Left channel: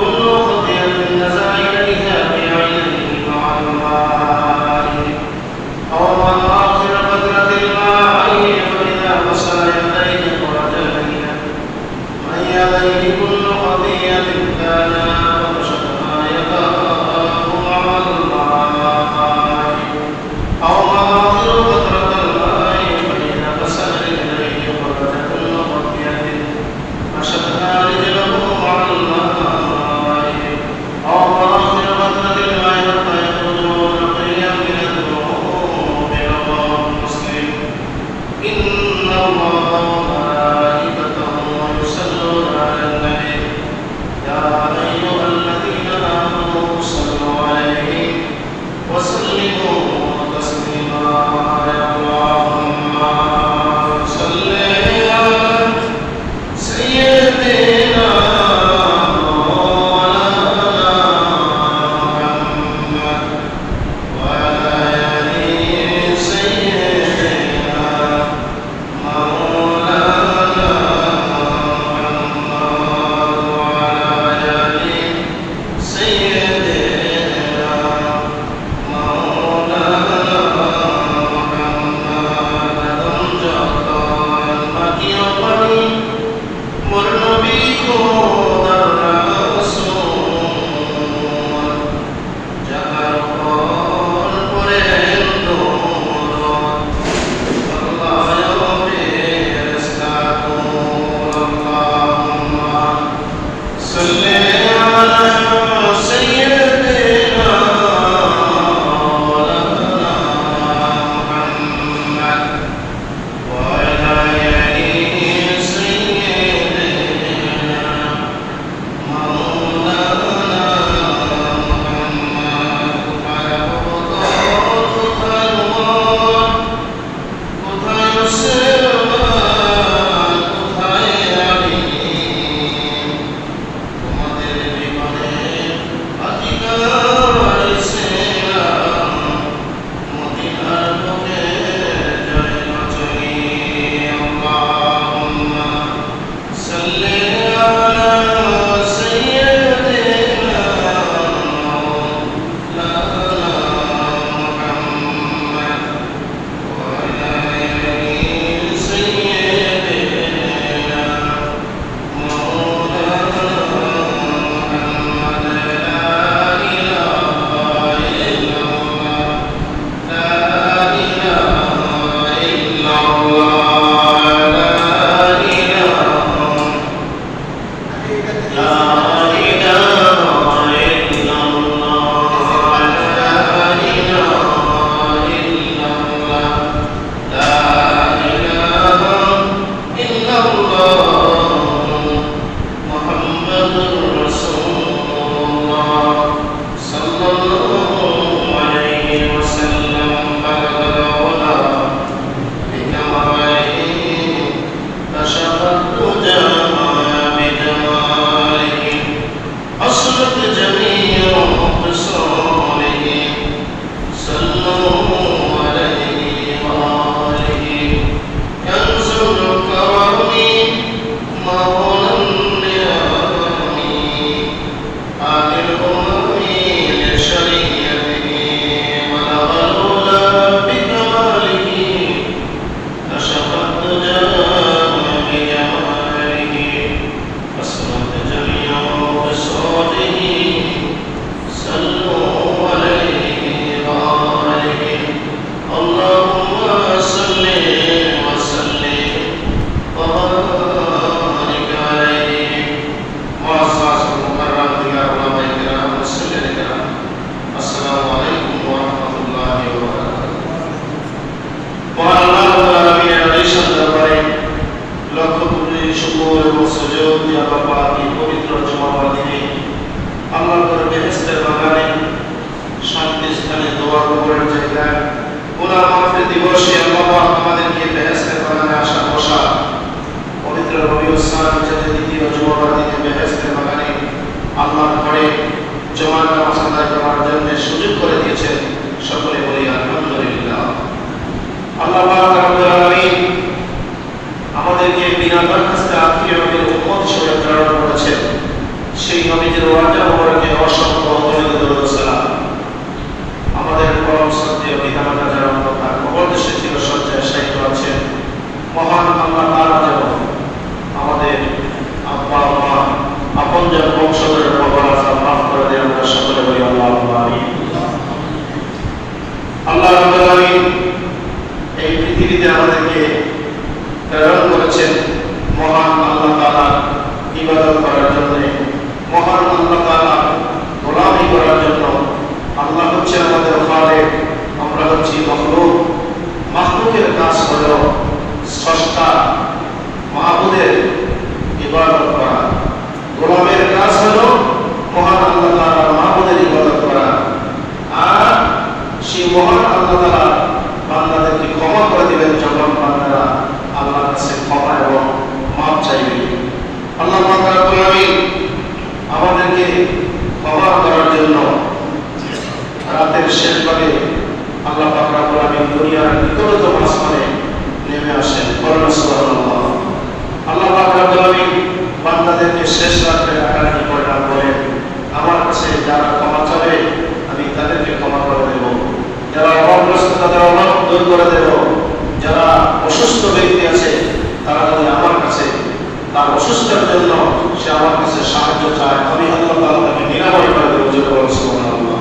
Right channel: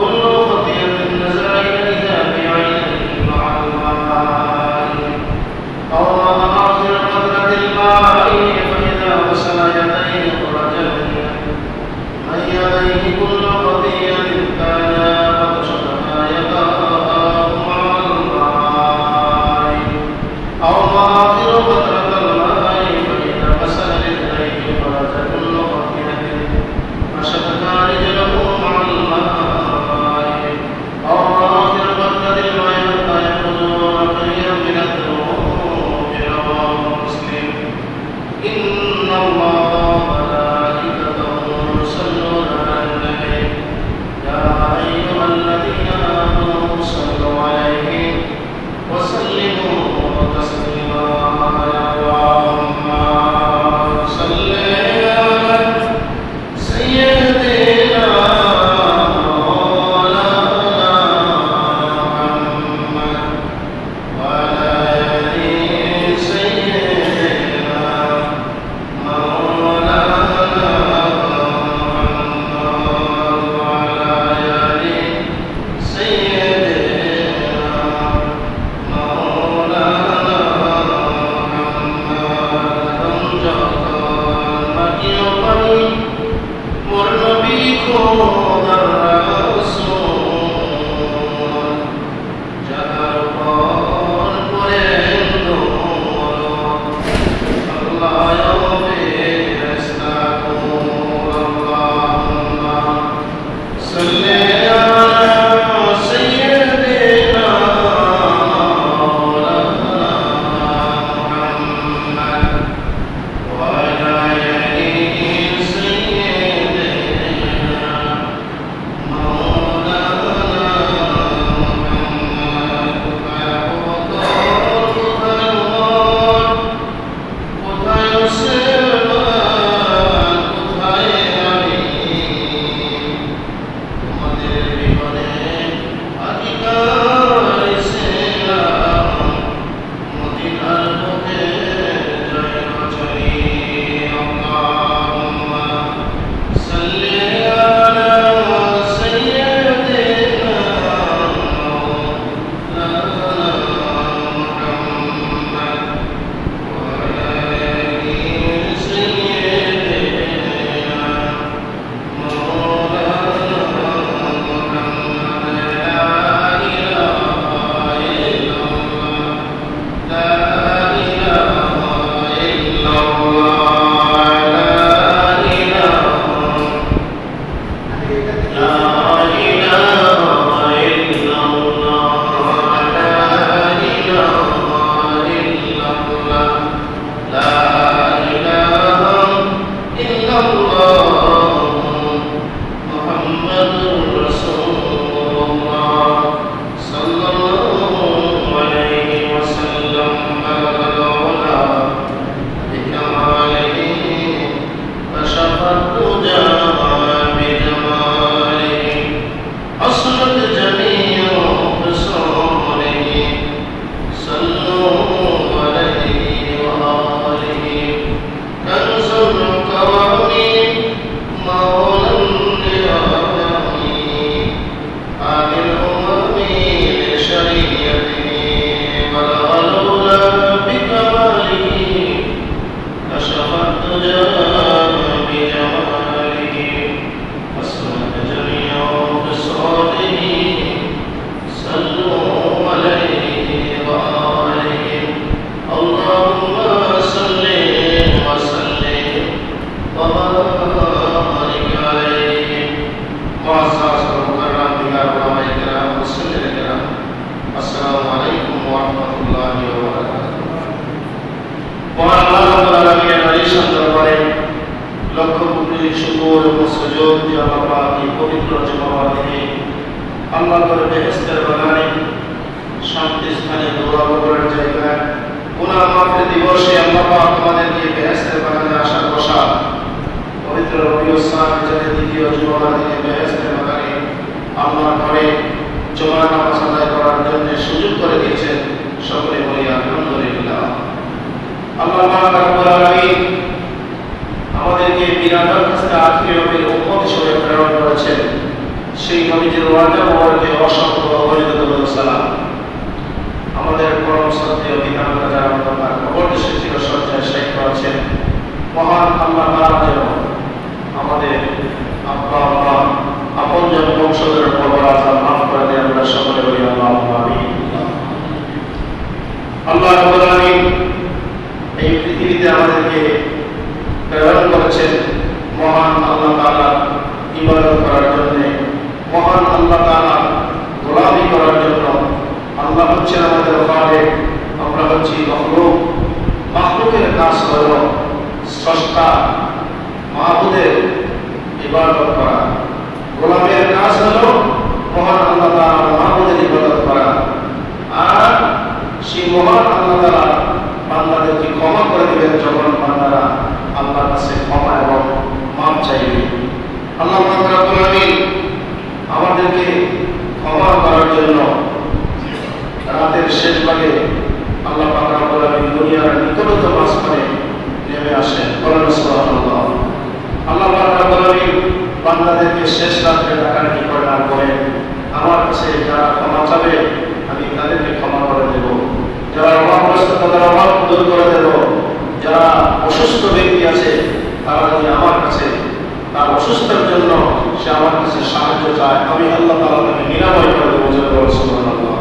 كل خطيئة نزل إليها بعينه وعلى الله নামাজ আদায় করার জন্য সুযোগ করে দিয়েছেন। সকলে বলি আলহামদুলিল্লাহ। আল্লাহ পাক রব্বুল আলামিন আমাদেরকে বিরাট হাসতে আখিরাতের উম্মত হিসেবে প্রেরণ করেছেন। সেই নবীজির ওয়াদা মোবারকে অসংখ্য অগণিত দরুদ সালাম। আমাদের পরম শ্রদ্ধেয় পিতামাতা যারা অন্ধকার কবর দেশে চিরসজ্জায় শায়িত আছেন, মহান আল্লাহ তাআলা যেন আমাদের আব্বা আম্মা আপনজন বংশধরের কবর আযাব মাফ করে দেন। আমরা সকলে বলি আল্লাহুম্মা আমিন। আল্লাহ রাব্বুল আলামিন এই পৃথিবীতে আমাদেরকে প্রেরণ করেছেন মহান আল্লাহ তাআলা ইবাদত করার জন্য, মহান আল্লাহ তাআলা গোলামি করার জন্য। আল্লাহ হচ্ছেন আমাদের খালিক, আমরা হচ্ছি মাখলুক। মাখলুকের কাজ হলো স্রষ্টা মাহবুদের ইবাদত করা, গোলামের কাজ হলো মহান আল্লাহ তাআলা মাহবুদের ইবাদত করা। আর সেই মহান আল্লাহ তাআলা বান্দাদেরকে ক্ষমা করে দিবেন যখন বান্দারা আল্লাহর কাছে ক্ষমা এবং মাফ চাইবে। আল্লাহ পাক রব্বুল আলামিন আমাদেরকে ক্ষমা করার জন্য রাতের শেষ ভাগে আল্লাহ পাক রব্বুল আলামিন দুনিয়ার নিকটতম আসমানে নেমে আসেন। সুবহানাল্লাহ। আল্লাহ পাক রব্বুল আলামিন বান্দাদেরকে শেষ রাতে ডাকাডাকি করে না বলেন, আমার কাছে যারা ক্ষমা চাবে আমি তাদেরকে ক্ষমা করে দেব, যারা অভাবগ্রস্ত তাদের অভাব দূর করে দেব, যারা অসুস্থ ব্যক্তি আছে তারা যদি আমার কাছে তার অসুস্থতার জন্য সে আমার কাছে সাহায্য চায়, আমি আল্লাহ তাআলা তাকে নিরাময় করে দেব। সুবহানাল্লাহ।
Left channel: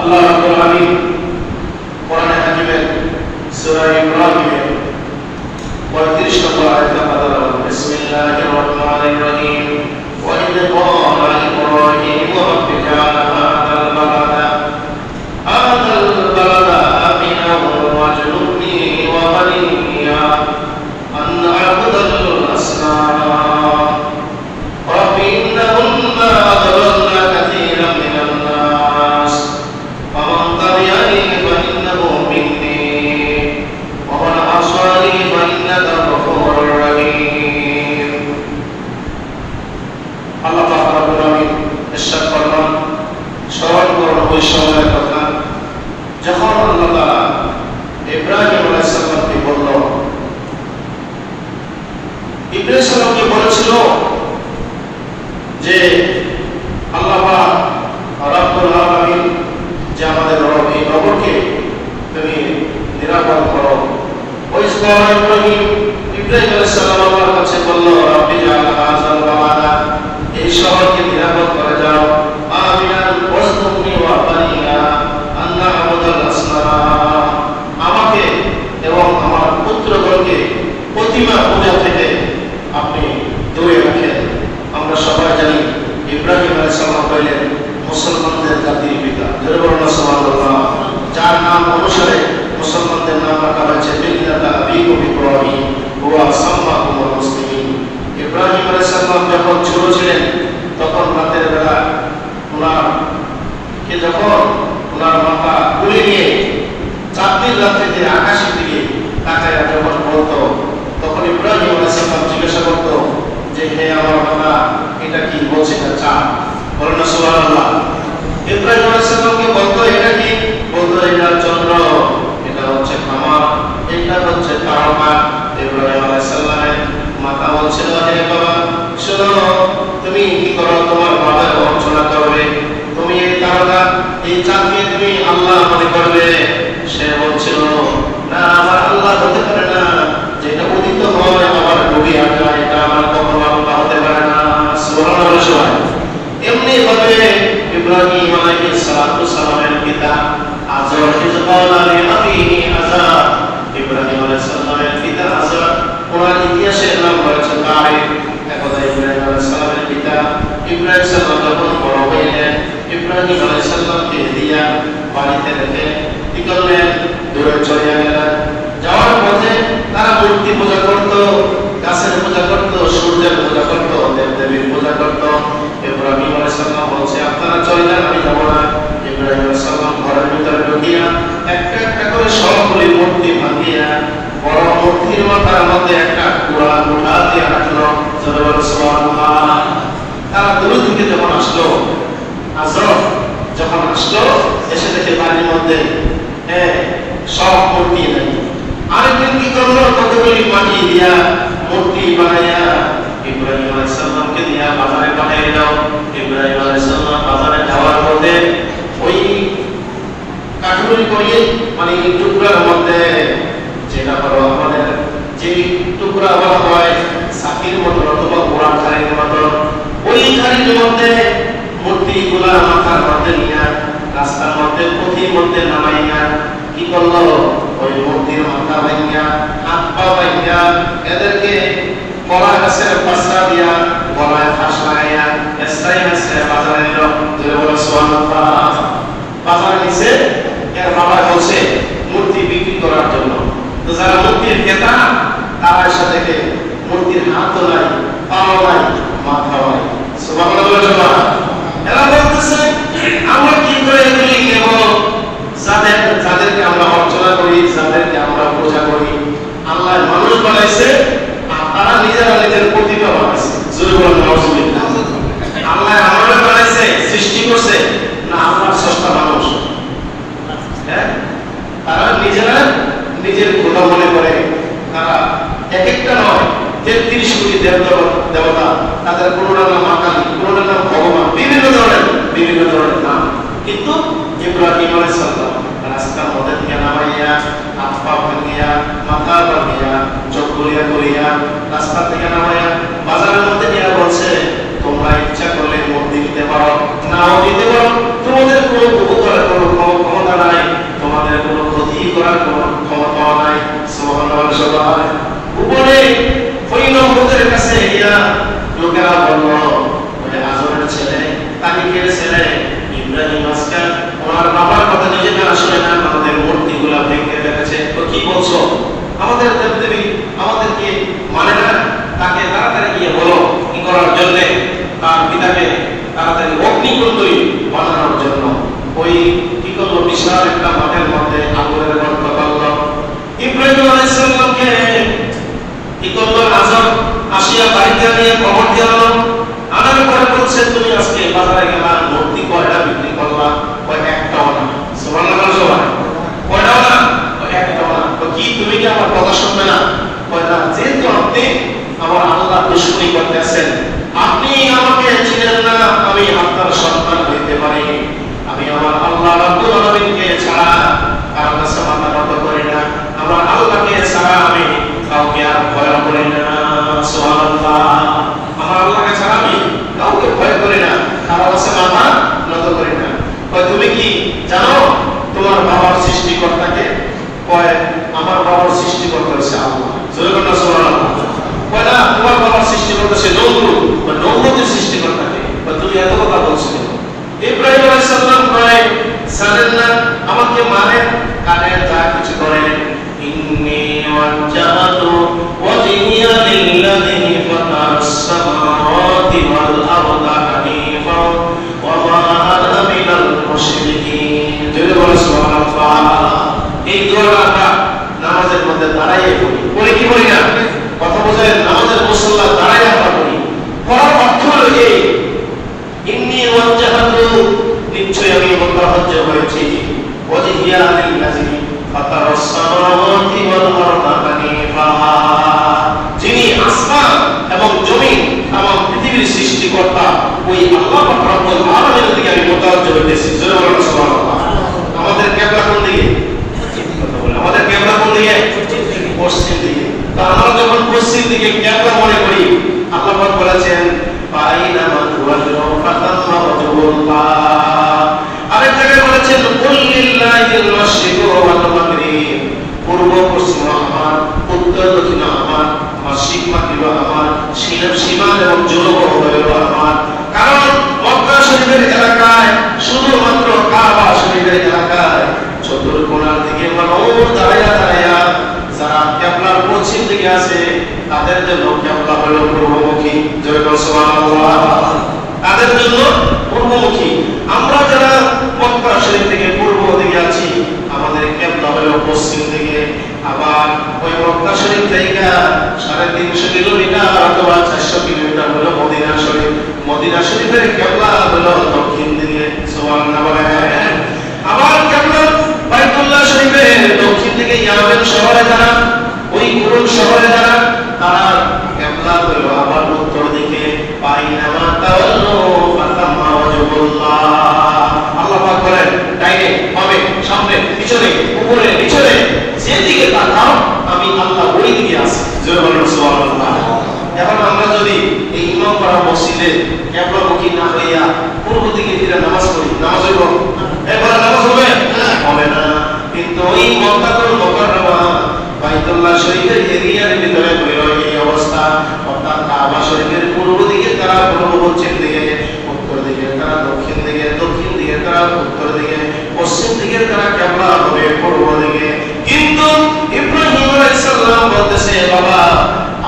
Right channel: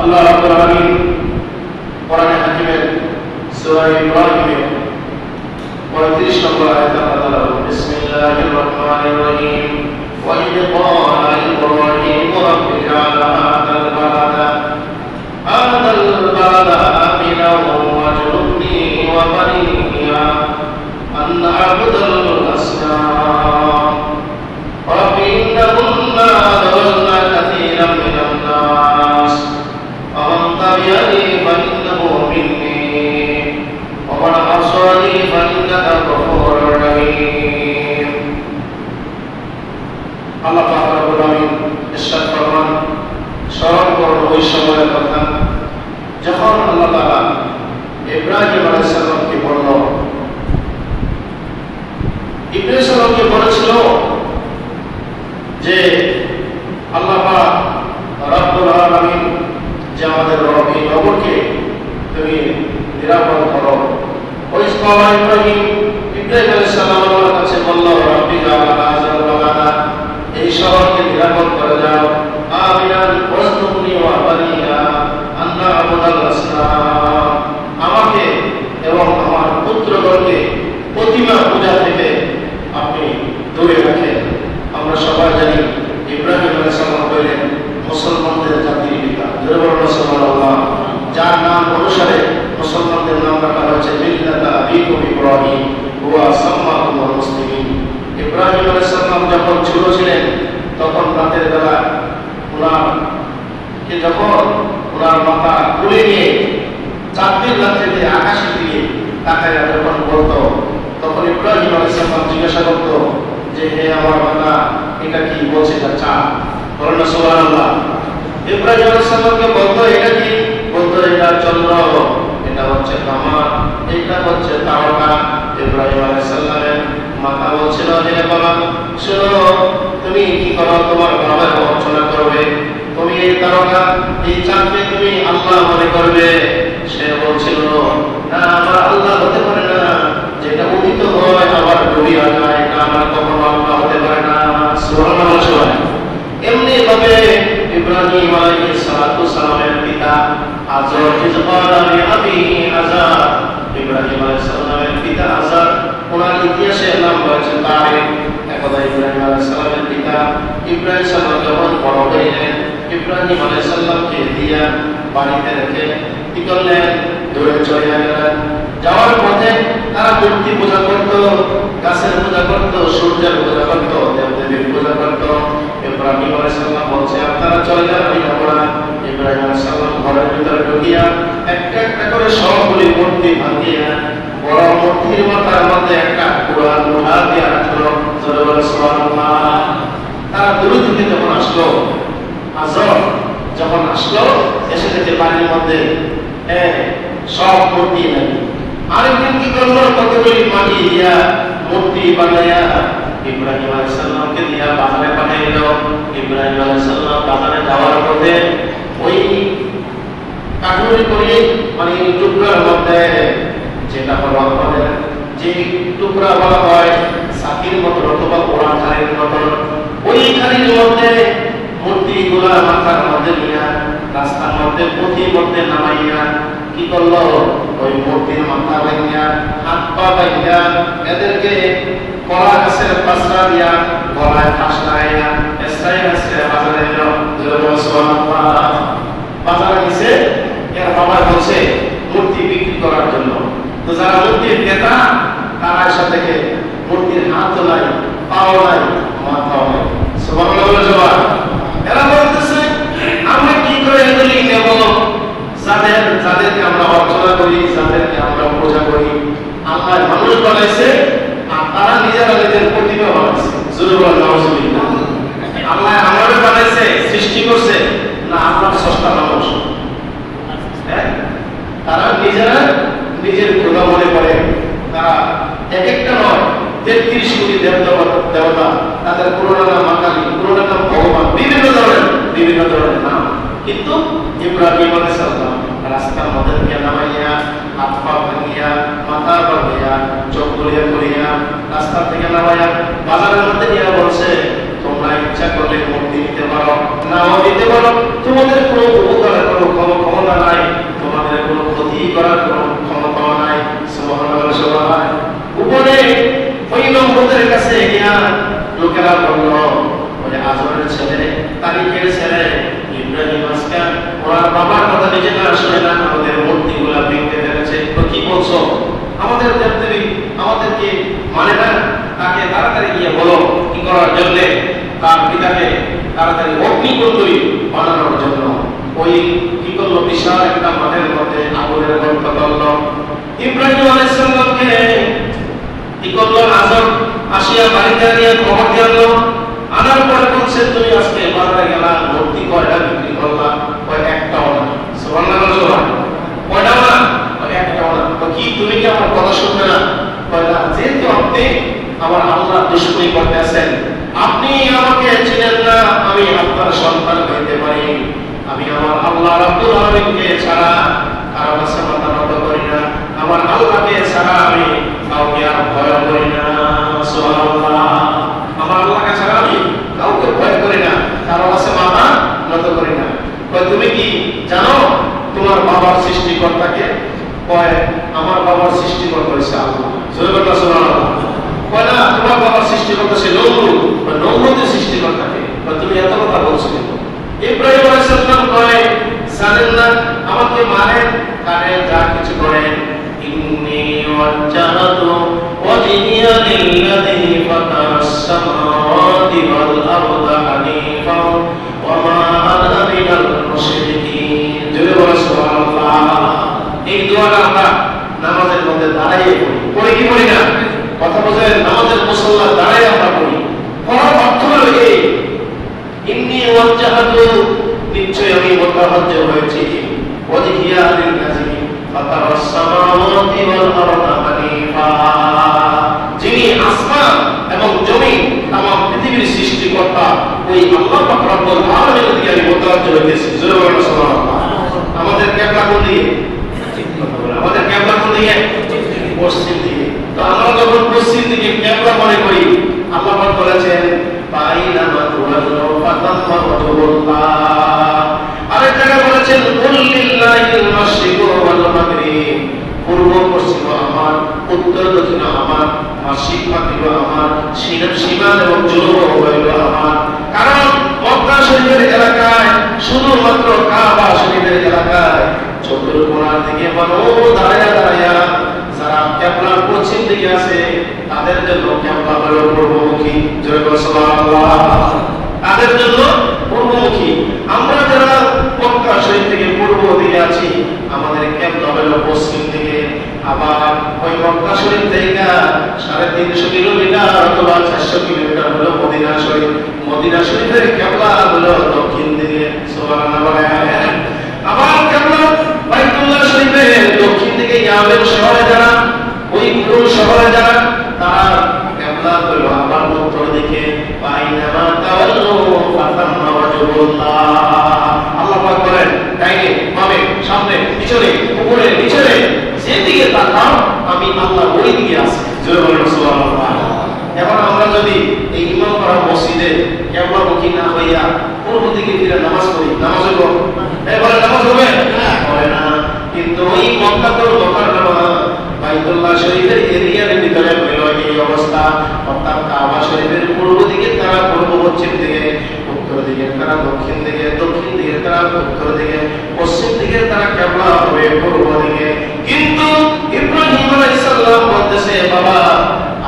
আল্লাহ রাব্বুল আলামিন কোরআনে হাকিমের সূরা ইব্রাহিমের 35 নম্বর আয়াতে বলেন, বিসমিল্লাহির রহমানির রহিম, ওয়া ইয ক্বালা ইব্রাহিম রাব্বি জা'আল হাযাল বালাদা আমিনান ওয়াজনুবনি ওয়া বানিয়া আন আ'বুদাল আসনাম রাব্বি ইন্নাহুন্না আদল্লনা কাসীরাম মিনান নাস ফামান তাবি'আনি ফাইন্নাহু মিন্নি ওয়া মান আসানি ফাইন্নাকা গফুরুর রহিম। আল্লাহ পাক রব্বুল আলামিন ইরশাদ ফরমান, স্মরণ করুন ওই সময়ের কথা যখন আল্লাহ তাআলা ইব্রাহিম আলাইহিস সালামকে বলল, ইব্রাহিম সালামকে বলেছিল যে আল্লাহ পাক রব্বুল আলামিন যে আমাদের রব, এই রবকে তুমি নিরাপদ করো। ওই সময় ইব্রাহিম আলাইহিস সালাম আল্লাহর কাছে বলল, রাব্বি জা'আল হাযাল বালাদা, এই শহরকে নিরাপদ করে দাও, আমিনান ওয়াজনুবনি ওয়া বানিয়া আন না'বুদাল আসনাম, আমাকে এবং আমার পুত্রগণকে প্রতিমা পূজা থেকে আপনি দূরে রাখেন। আমরা সবাই জানি ইব্রাহিম আলাইহিস সালাম হলেন মুসলমানদের জাতির পিতা। সুবহানাল্লাহ। যার নাম অনুসারে মুসলমানদের নাম রাখা হয়েছে মিল্লাতা আবিকুম ইব্রাহিম ওয়া সাম্মাকুমুল মুসলিমিন। ইব্রাহিম আলাইহিস সালাম যখন ছোট ছিলেন তখন রাতের বেলা ওনার মাথা তুলে নিয়ে চাঁদের রাত্রিতে আকাশের দিকে তাকায় যখন বলতো, তখন ইব্রাহিম আলাইহিস সালাম জিজ্ঞাসা করতো যে, হে আমার বান্দা, এটা কি বলছে? এটা চাঁদ। বলেন সুবহানাল্লাহ। ইব্রাহিম আলাইহিস সালামকে বলতো এটা কি? বলতো এটা চন্দ্র, এটা হচ্ছে কামার, এটা হচ্ছে তারকা। ইব্রাহিম আলাইহিস সালামের মাতা বলছিল, হে বাবা শোনো, তুমি কি করো? তোমার বাবার বঞ্চনা করবে, তুমি এই তারকা এই চাঁদকে তুমি আল্লাহ মনে করবে। সে বলছিল, না, আমার আল্লাহ হতে পারে না, যেটা উদিত হয় আবার ডুবে যায়, এটা আমার কখনো আল্লাহ হতে পারে না। সুবহানাল্লাহ। এমনি ভাবে ইব্রাহিম আলাইহিস সালামের পিতা আযর ইসমাঈল আবিহি আযর, ইব্রাহিম আলাইহিস সালামের পিতা আযর, ওনার ইতিহাসের নাম হচ্ছে তারিক। এখন ইব্রাহিম আলাইহিস সালামের পিতা ইব্রাহিম সালাম যখন বড় হলেন, ইব্রাহিম আলাইহিস সালামকে দিয়া বাড়িতে রেখে কি করলেন? দূরে চলে গেলেন। যাওয়ার পথে তারা মূর্তি পূজা করত, গাছের পূজা করত, সূর্যের পূজা করত, দেবদেবীর পূজা করত। ইব্রাহিম আলাইহিস সালাম বলছে, আপনারা চলে যান, আমি যাব না। ইব্রাহিম আলাইহিস সালাম ঘরের ভিতরে ঢুকিয়া একটা একটা করে সবগুলি মূর্তি ভাঙিয়া বড় মূর্তির মাথার মধ্যে একটা কুরআন মুঠা দিয়ে রাখলো। সুবহানাল্লাহ। তারা দূর থেকে যখন আসলো, আযর যখন আসলো এসে থেকে বাড়ির মধ্যে সব মূর্তি এলেন। আরেকদিন কি করলো, কতগুলি মাটি দিয়া মূর্তি বানাইয়া ইব্রাহিম আলাইহিস সালামকে দিয়া বাজারে পাঠাইল। ইব্রাহিম আলাইহিস সালাম বাজারে যাওয়ার পথে ওই কাঠুরি করে মানে টুকরার মধ্যে যেটা আমাদের যে টুকরা বলা হয় সাকির মতো অথবা ওরা খালির মতো, ওই খালির মধ্যে মূর্তিগুলা মাথার মধ্যে নিয়ে রাস্তার মধ্যে পথির মধ্যে নামাইয়া কি করলো, ওই মূর্তির মাথা ভাঙিয়া হাত পা ভাঙিয়া এদেরকে কলা গাছের পাশা দিয়া গলায় ফাঁসাইয়া এসরাই আছে বাজারে এলো। বাজারে নিচে এর বাবা বলছে মূর্তি বিক্রি করার জন্য। তো যারা মূর্তির ক্রেতা তারা এসে দেখে মূর্তির হাতও নাই, পাও নাই, মাথাও নাই। সুবহানাল্লাহ সবাই এরা বলতেছে আমরা কি করে এগুলি নেব, যাদেরকে আমরা অর্চনা করি, যাদেরকে আমরা পূজা করি, আল্লাহ মানুষ বানাইছে আর তারা নিজেরা নিজের প্রতিভা বানাইছে। আল্লাহ আমাদের বানাইছে, সৃষ্টি করছে না আমার সস্তা মানুষ? তারা নিজেরা নিজের গুণা মনে করে। তারা এক একটা নয় 33 কোটি দেবতা, তাদের পুরোটা নাম আকালি, পুরোটা নাম ভগবান, বিভিন্ন ধরনের নাম। কিন্তু ইব্রাহিম আলাইহিস সালাম রাস্তার মধ্যে থেকে নামাইয়া হাত পা ভাঙিয়া মাথা ভাঙিয়া চোখ বলিয়া করিয়া রাস্তা থেকে নামাইয়া বাজারের মধ্যে নিয়ে বলছে তোমরা ইচ্ছা করলে মূর্তি দিতে পারো, নাও দিতে পারো, তোমাদের কোনো উপকার করার ক্ষমতা নাই, তোমাদের কোনো ক্ষতি করার কোনো ক্ষমতা নাই। সুবহানাল্লাহ সবাই উপরে ওই নমরুদের কাছে ইয়া লোকেরা বলল ওই আজরের ছেলে তারিখের ছেলে ইব্রাহিম আজকে ওনার বাবার কথা নিজে না শুনে না আমাদের মূর্তিগুলো ভেঙে ফেলেছে। তো কি বলছো, আমাদের দেবদেবী আমাদেরকে মানে না, তাকে তাড়াতাড়ি গিয়ে বলো কি করার জন্য, তার পিতাকে তাড়াতাড়ি অগ্নিকুণ্ডলী বানানোর জন্য। ওই কি করলো, বিশাল একটা মাঠের মধ্যে আগুনের গর্ত করল। ইব্রাহিম আলাইহিস সালামকে কি করলো, আজব আসিয়া বাড়িতে নিয়ে খবর দিয়ে আনার পরে বলছে তুমি আজকে বাজারে গেলা, মূর্তি কয়টা বিক্রি করলা? কয় একটাও না। সুবহানাল্লাহ সবাই কয়টাও না? কয় একটাও না। তো কি তুমি কি আমার কথা শুনবে না? কয় না, যেহেতু আপনি আমার আল্লাহ দুশমনি করতেছেন, আপনি আমাকে চিনেন না, আমি আপনার সন্তান হইতে পারি, আমি আমার আল্লাহ রাব্বুল আলামিনকে ছাড়া কারো কাছে মাথা নত করি না, আমার আল্লাহকে ছাড়া আমি কাউকে আর ভয় করি না। সুবহানাল্লাহ আমার আল্লাহকে ছাড়া আমি কাউকে ভয় করি না, কারো কাছে মাথা নত করি না। কয় তুমি কি জানো তোমার বাবার সৃষ্টিকর্তাকে? কয় আমার বাবার সৃষ্টিকর্তা হইছে আল্লাহ। সুবহানাল্লাহ কয় না, তোমার বাবার সৃষ্টিকর্তা সে নমরুদ, নমরুদের সৃষ্টিকর্তাকে। তুমি এত কথা বলছো কেন? ইব্রাহিম আলাইহিস সালাম কয় জানেন না আমাকে মানে কানে যা কিছু করেন, ইন্নী ওয়াজ্জাহতু ওয়াজহিয়া লিল্লাযী ফাতারাস সামাওয়াতি ওয়াল আরদা হানিফা ওয়া মা আনা মিনাল মুশরিকিন। জোরে বলো সুবহানাল্লাহ। এই দোয়াটা আমরা নামাজের মধ্যে দাঁড়াইয়ে পড়ি কি করি না? কথা বোঝেন, নামাজের মুসল্লা দাঁড়াইয়ে আমরা পড়ি। পড়ার অর্থ হলো এই ইন্নী ওয়াজ্জাহতু নিশ্চয় আমি মুতাওয়াজ্জ হয়েছি ওয়াজহিয়া লিল্লাযী ফাতারাস সামাওয়াতি ওয়াল আরদা হানিফা, যিনি আসমান এবং জমিন এবং পৃথিবীর সৃষ্টিকর্তা ওই আল্লাহ পাক রব্বুল আলামিনের দিকে আমি মুতাওয়াজ্জ হয়েছি। জোরে বলুন সুবহানাল্লাহ। আমাদের কিবলা কোন দিকে? আমাদের কিবলা কোন দিকে? পশ্চিম দিকে। তো আমরা যখন পশ্চিম দিকে কিবলা মনে করি, আল্লাহ পাক বলেছেন বাইনা মাতুওয়াল্লু ফাতাম্মা ওয়াজহুল্লাহ। আরেক জায়গায় বলেছেন কুল লিল্লাহিল মাশরিকু ওয়াল মাগরিব, পূর্ব পশ্চিম আমার, উত্তর দক্ষিণ আমার, মাশরিক মাগরিব আমার, সীমান এবং জনুব হলো আমার। কারণ মক্কা শরীফের এলাকায় শুধুমাত্র কাবা শরীফের এলাকায় চতুর্কোণার দিকে মানুষ দাঁড়ায়া দাঁড়ায়া যারা কিবলার পশ্চিম দিকে আছে তাদের জন্য কিবলা হলো পূর্বমুখী। জয় সুবহানাল্লাহ। তাদের জন্য পূর্বমুখী। আমরা যারা মক্কা শরীফ থেকে পূর্ব দিকে আছি আমাদের কিবলা হলো পশ্চিম দিকে। আবার ওই মক্কা শরীফ থেকে 350 কিলোমিটার অথবা 400 কিলোমিটার হলো মদিনা শরীফ। মদিনা শরীফের কিবলা হলো দক্ষিণ দিকে। সুবহানাল্লাহ। এরিয়ার ভিতরে হলো এই অবস্থা। অর্থাৎ কাবা শরীফের পূর্ব দিকে তারা পূর্ব পশ্চিম দিকে, উত্তর দিকে তারা দক্ষিণ দিকে, দক্ষিণ দিকে তারা উত্তর দিকে, পশ্চিম দিকে তারা কিবলা হবে পূর্ব দিকে। কিন্তু ইব্রাহিম আলাইহিস সালাম বলতেছে, বাবা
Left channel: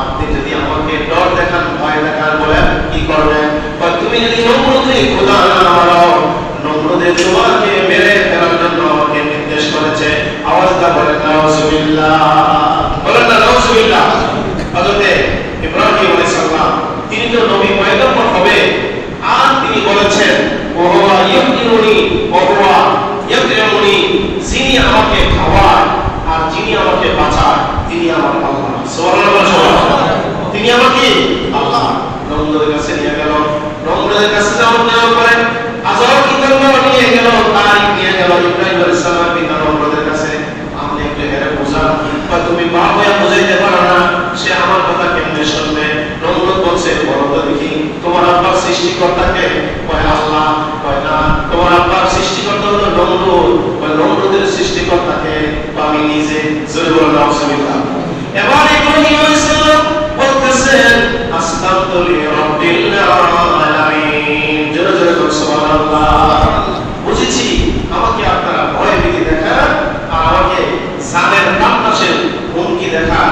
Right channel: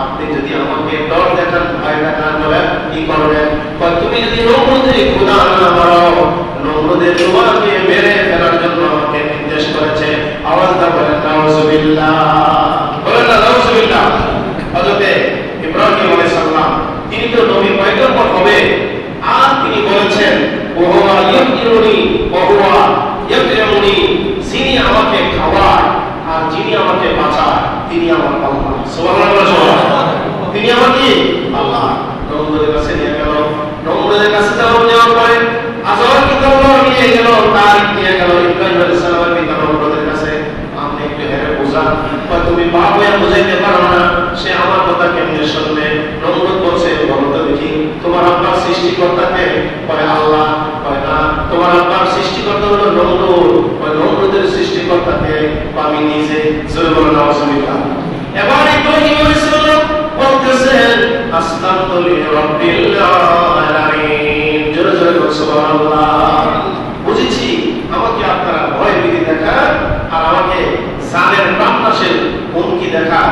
আপনি যদি আমাকে ডর দেখান, ভয় দেখান, বলেন কি করবেন? তুমি যদি নমরুদের খোদা না মারো, নমরুদের তোমাকে মেরে ফেলার জন্য আমাকে নির্দেশ করেছে। আওয়াজ দা বলেন নাউজুবিল্লাহ, বলেন না নাউজুবিল্লাহ। হযরত ইব্রাহিম আলাইহিস সালাম তিনি তো নবী পয়গম্বর হবে, আর তিনি বলেছেন ওয়া ইয়াকদিরুনি ওয়া ইয়াকদিরুনি, যিনি আমাকে খাওয়ায় আর যিনি আমাকে বাঁচায় তিনি আমার আল্লাহ। সুবহানাল্লাহ। তিনি আমার কি? আল্লাহ। নমরুদের কাছে নিয়ে গেল, নমরুদের কাছে যাওয়ার পরে আজর কি করলো? নিয়ে গেল, তারিখ নিয়ে গেল ইব্রাহিম আলাইহিস সালামের পিতা নমরুদের কাছে। আপনি একটু হেরে বোঝান, তুমি বাপ হয়ে বুঝাইতে পারো না, সে আমার কথা কেমনে শুনবে? নমরুদ বলছে, বলো তো দেখি তোমার আব্বার সৃষ্টিকর্তাকে? কয় আল্লাহ। কয় না, তোমার আব্বার সৃষ্টিকর্তা হলো নমরুদ। কয় নমরুদের সৃষ্টিকর্তাকে? আমি নিজে। জোরে বলো নাউজুবিল্লাহ। এবার ইব্রাহিম আলাইহিস সালাম বলতেছেন আসলামতু লিরাব্বিল আলামিন। জোরে জোরে বলো সুবহানাল্লাহ। বুঝেছি আমাকে আপনারা ভয় ভীতি দেখান আর আমাকে জানের প্রাণনাশের হুমকি দেখা,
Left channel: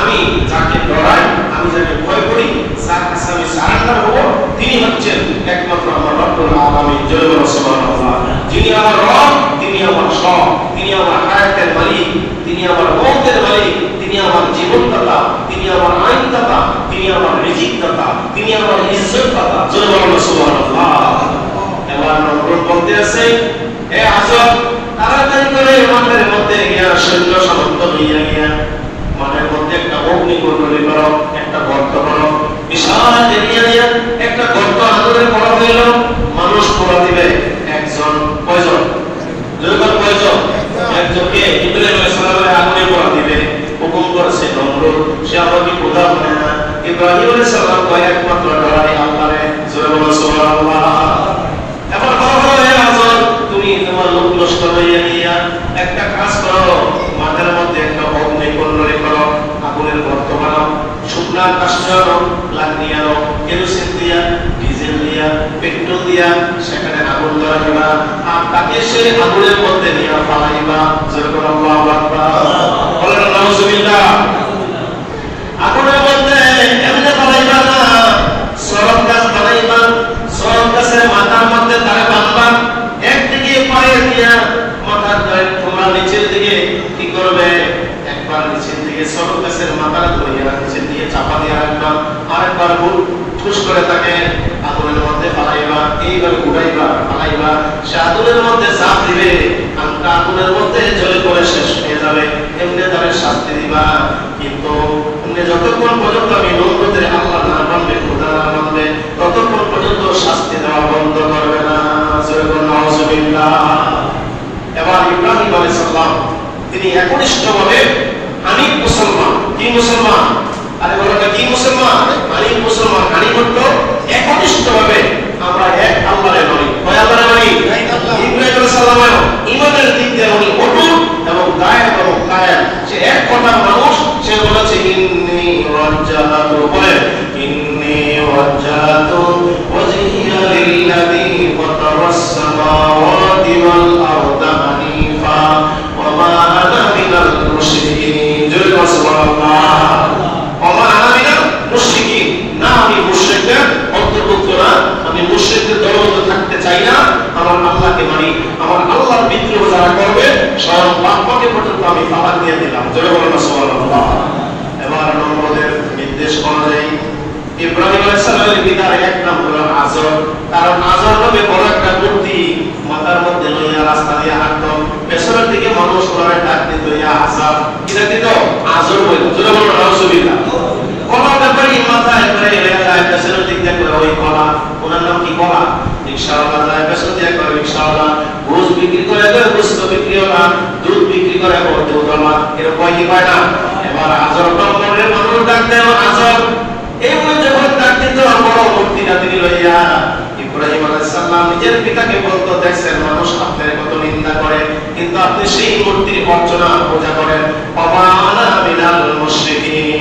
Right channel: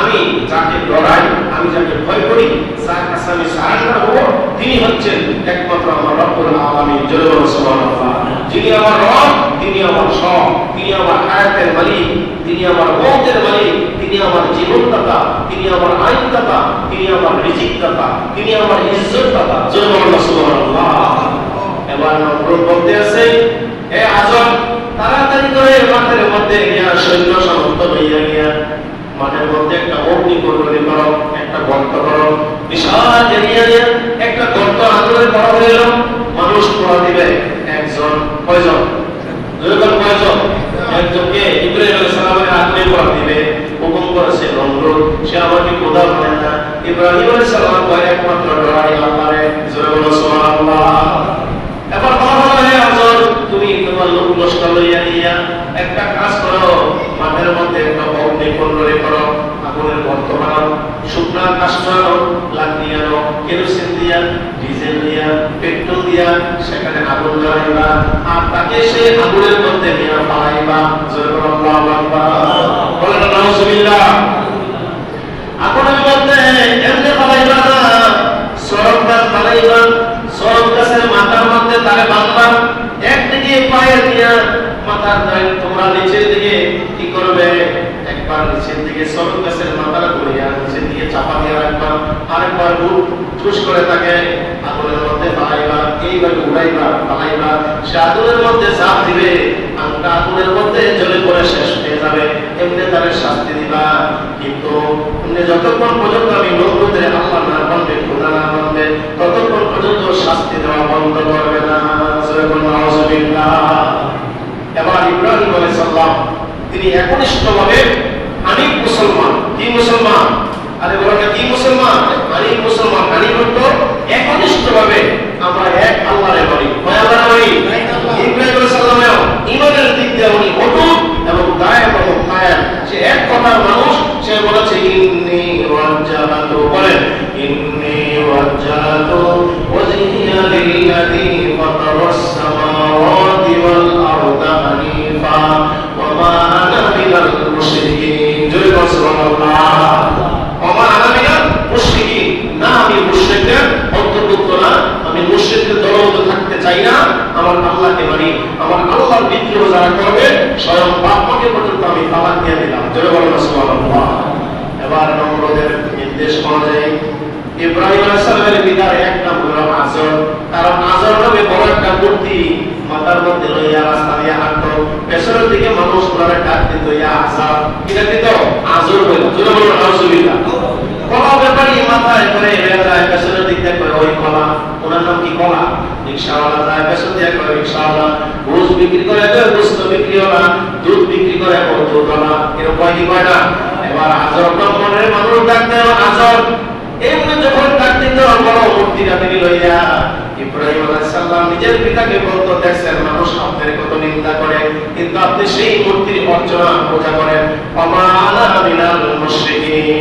আমি যাকে ডরাই, আমি যাকে ভয় করি, যার কাছে আমি সারেন্ডার হব, তিনি হচ্ছেন একমাত্র আমার রব্বুল আলামিন। জোরে বলো সুবহানাল্লাহ। যিনি আমার রব, তিনি আমার সব, তিনি আমার হায়াতের মালিক, তিনি আমার মওতের মালিক, তিনি আমার জীবনদাতা, তিনি আমার আইনদাতা, তিনি আমার রিজিকদাতা, তিনি আমার ইজ্জতদাতা। জয় বলো সুবহানাল্লাহ। এবার নমরুদ বলতে আছে, হে আজব, তাড়াতাড়ি করে মাঠের মধ্যে গিয়া সৈন্য সামন্ত লইয়া গিয়া মাঠের মধ্যে একটা অগ্নিকুণ্ডলী করো, একটা গর্ত করো, বিশাল এরিয়া নিয়ে একটা গর্ত আগুনের করা হইল। মানুষ পোড়া দিবে একজন, কয়জন? যখন কয়জন? একজনকে ইব্রাহিম আলাইহিস সালামের আগুনে পোড়া দিবে হুকুম করেছে নমরুদ। সে আমাকে খোদা মানে না। ইব্রাহিম আলাইহিস সালাম কয় একমাত্র ডরাই আল্লাহরে। জোরে বলো সুবহানাল্লাহ। এবার বলো, হে আজর, তুমি তোমার লোক লস্কর লইয়া নিয়া একটা কাজ করো, মাঠের মধ্যে একটা অগ্নিকুণ্ডলী করো, আগুনের গর্ত বানাও, শুকনা কাঠ আনো, লাকড়ি আনো, কেরোসিন দিয়া, ডিজেল দিয়া, পেট্রোল দিয়া সেখানে আগুন জ্বালাইবা, আর তাকে সেই আগুনের মধ্যে নিয়ে ফালাইবা। জোরে বলো আল্লাহু আকবার। বলেন নাউজুবিল্লাহ। আগুনের মধ্যে এমনি ফালাইবা না, সরব গাছ বানাইবা, সরব গাছের মাথার মধ্যে তাকে বাঁধবা, একদিকে পায়ে দিয়া মাথার তোমরা নিচের দিকে কি করবে? একবার নিচের দিকে সরব গাছের মাথাটা ধরিয়া নিচের দিকে চাপা দিয়ে রাখবা, আরেকবার বুট ঠুস করে তাকে আগুনের মধ্যে ফালাইবা, এইভাবে উড়াইবা, ফালাইবা, সে আগুনের মধ্যে ঝাঁপ দিবে, আমটা আগুনের মধ্যে জ্বলে পড়ে শেষ হয়ে যাবে। এমনি তারে শাস্তি দিবা। কিন্তু যতক্ষণ পর্যন্ত আমি নমরুদের আল্লাহ না মানবে, খোদা না মানবে, ততক্ষণ পর্যন্ত শাস্তি দেওয়া বন্ধ করবে না। জোরে বলো নাউজুবিল্লাহ। এবার ইব্রাহিম আলাইহিস সালাম তিনি একনিষ্ঠভাবে হানিফ মুসলমান। কি মুসলমান? আরে বলো না কি মুসলমান? হানিফ মুসলমান। হানিফ হলো একনিষ্ঠভাবে আমরা এক আল্লাহরে মানি। কয় আল্লাহরে মানি? ইব্রাহিম আলাইহিস সালামের ঈমানের দিক দিয়ে উনি অটুট এবং কায়েম এবং কায়েম। সে এক কথা মানুষ, সে বলেছে ইন্নী ওয়াজ্জাহাতু, বলেন ইন্নী ওয়াজ্জাহাতু ওয়াজহিয়া লিল্লাযী ফাতারাস সামাওয়াতি ওয়াল আরদা হানিফা ওয়া মা আনা মিনাল মুশরিকিন। জয় বলো সুবহানাল্লাহ। ওয়া মা আনা মিনাল মুশরিকিন, না আমি মুশরিকদের অন্তর্ভুক্ত না, আমি মুশরিকদের দলবদ্ধ থাকতে চাই না। আমার আল্লাহকে মানি, আমার আল্লাহর বিদ্রোহ যারা করবে সব পাপকে পর্যন্ত আমি তালাক দিয়ে দিলাম। জয় বলো সুবহানাল্লাহ। এবার নমরুদের নির্দেশ অনুযায়ী ইব্রাহিম আলাইহিস সালামের পিতার এক নাম হলো আজর, কারণ আজর নামে বড় একটা মূর্তি মাথার মধ্যে লইয়া রাস্তা দিয়ে হাঁটতো, পেছনের দিকে মানুষ ওনারে ডাক দিত ইয়া আজর, এটা কিন্তু আজর বলে। জোরে বলো নাউজুবিল্লাহ। কলার ব্যাপারে মাথায় করে এরা যায় পেছনের দিক দিয়ে করে ওই কলা, ওনার নাম কি কলা? রিকশাওয়ালা যায় পেছন দিয়ে করে রিকশাওয়ালা, গোশ বিক্রি করে গোশত বিক্রিওয়ালা, দুধ বিক্রি করে দুধওয়ালা, এরকম কি কয়টা? এবার আজর নম্বরের মানুষ ডাক দেন আজর। এমনি যখন ডাক দিত বড় মূর্তিটা তিনি লইয়া ইব্রাহিম আলাইহিস সালাম নিজের পিতাকে বলতো, দেখছেন মানুষ আপনার কত নিন্দা করে, কিন্তু আপনি সেই মূর্তির অর্চনা পূজা করেন। ওয়া মা আনা মিনাল মুশরিকিন।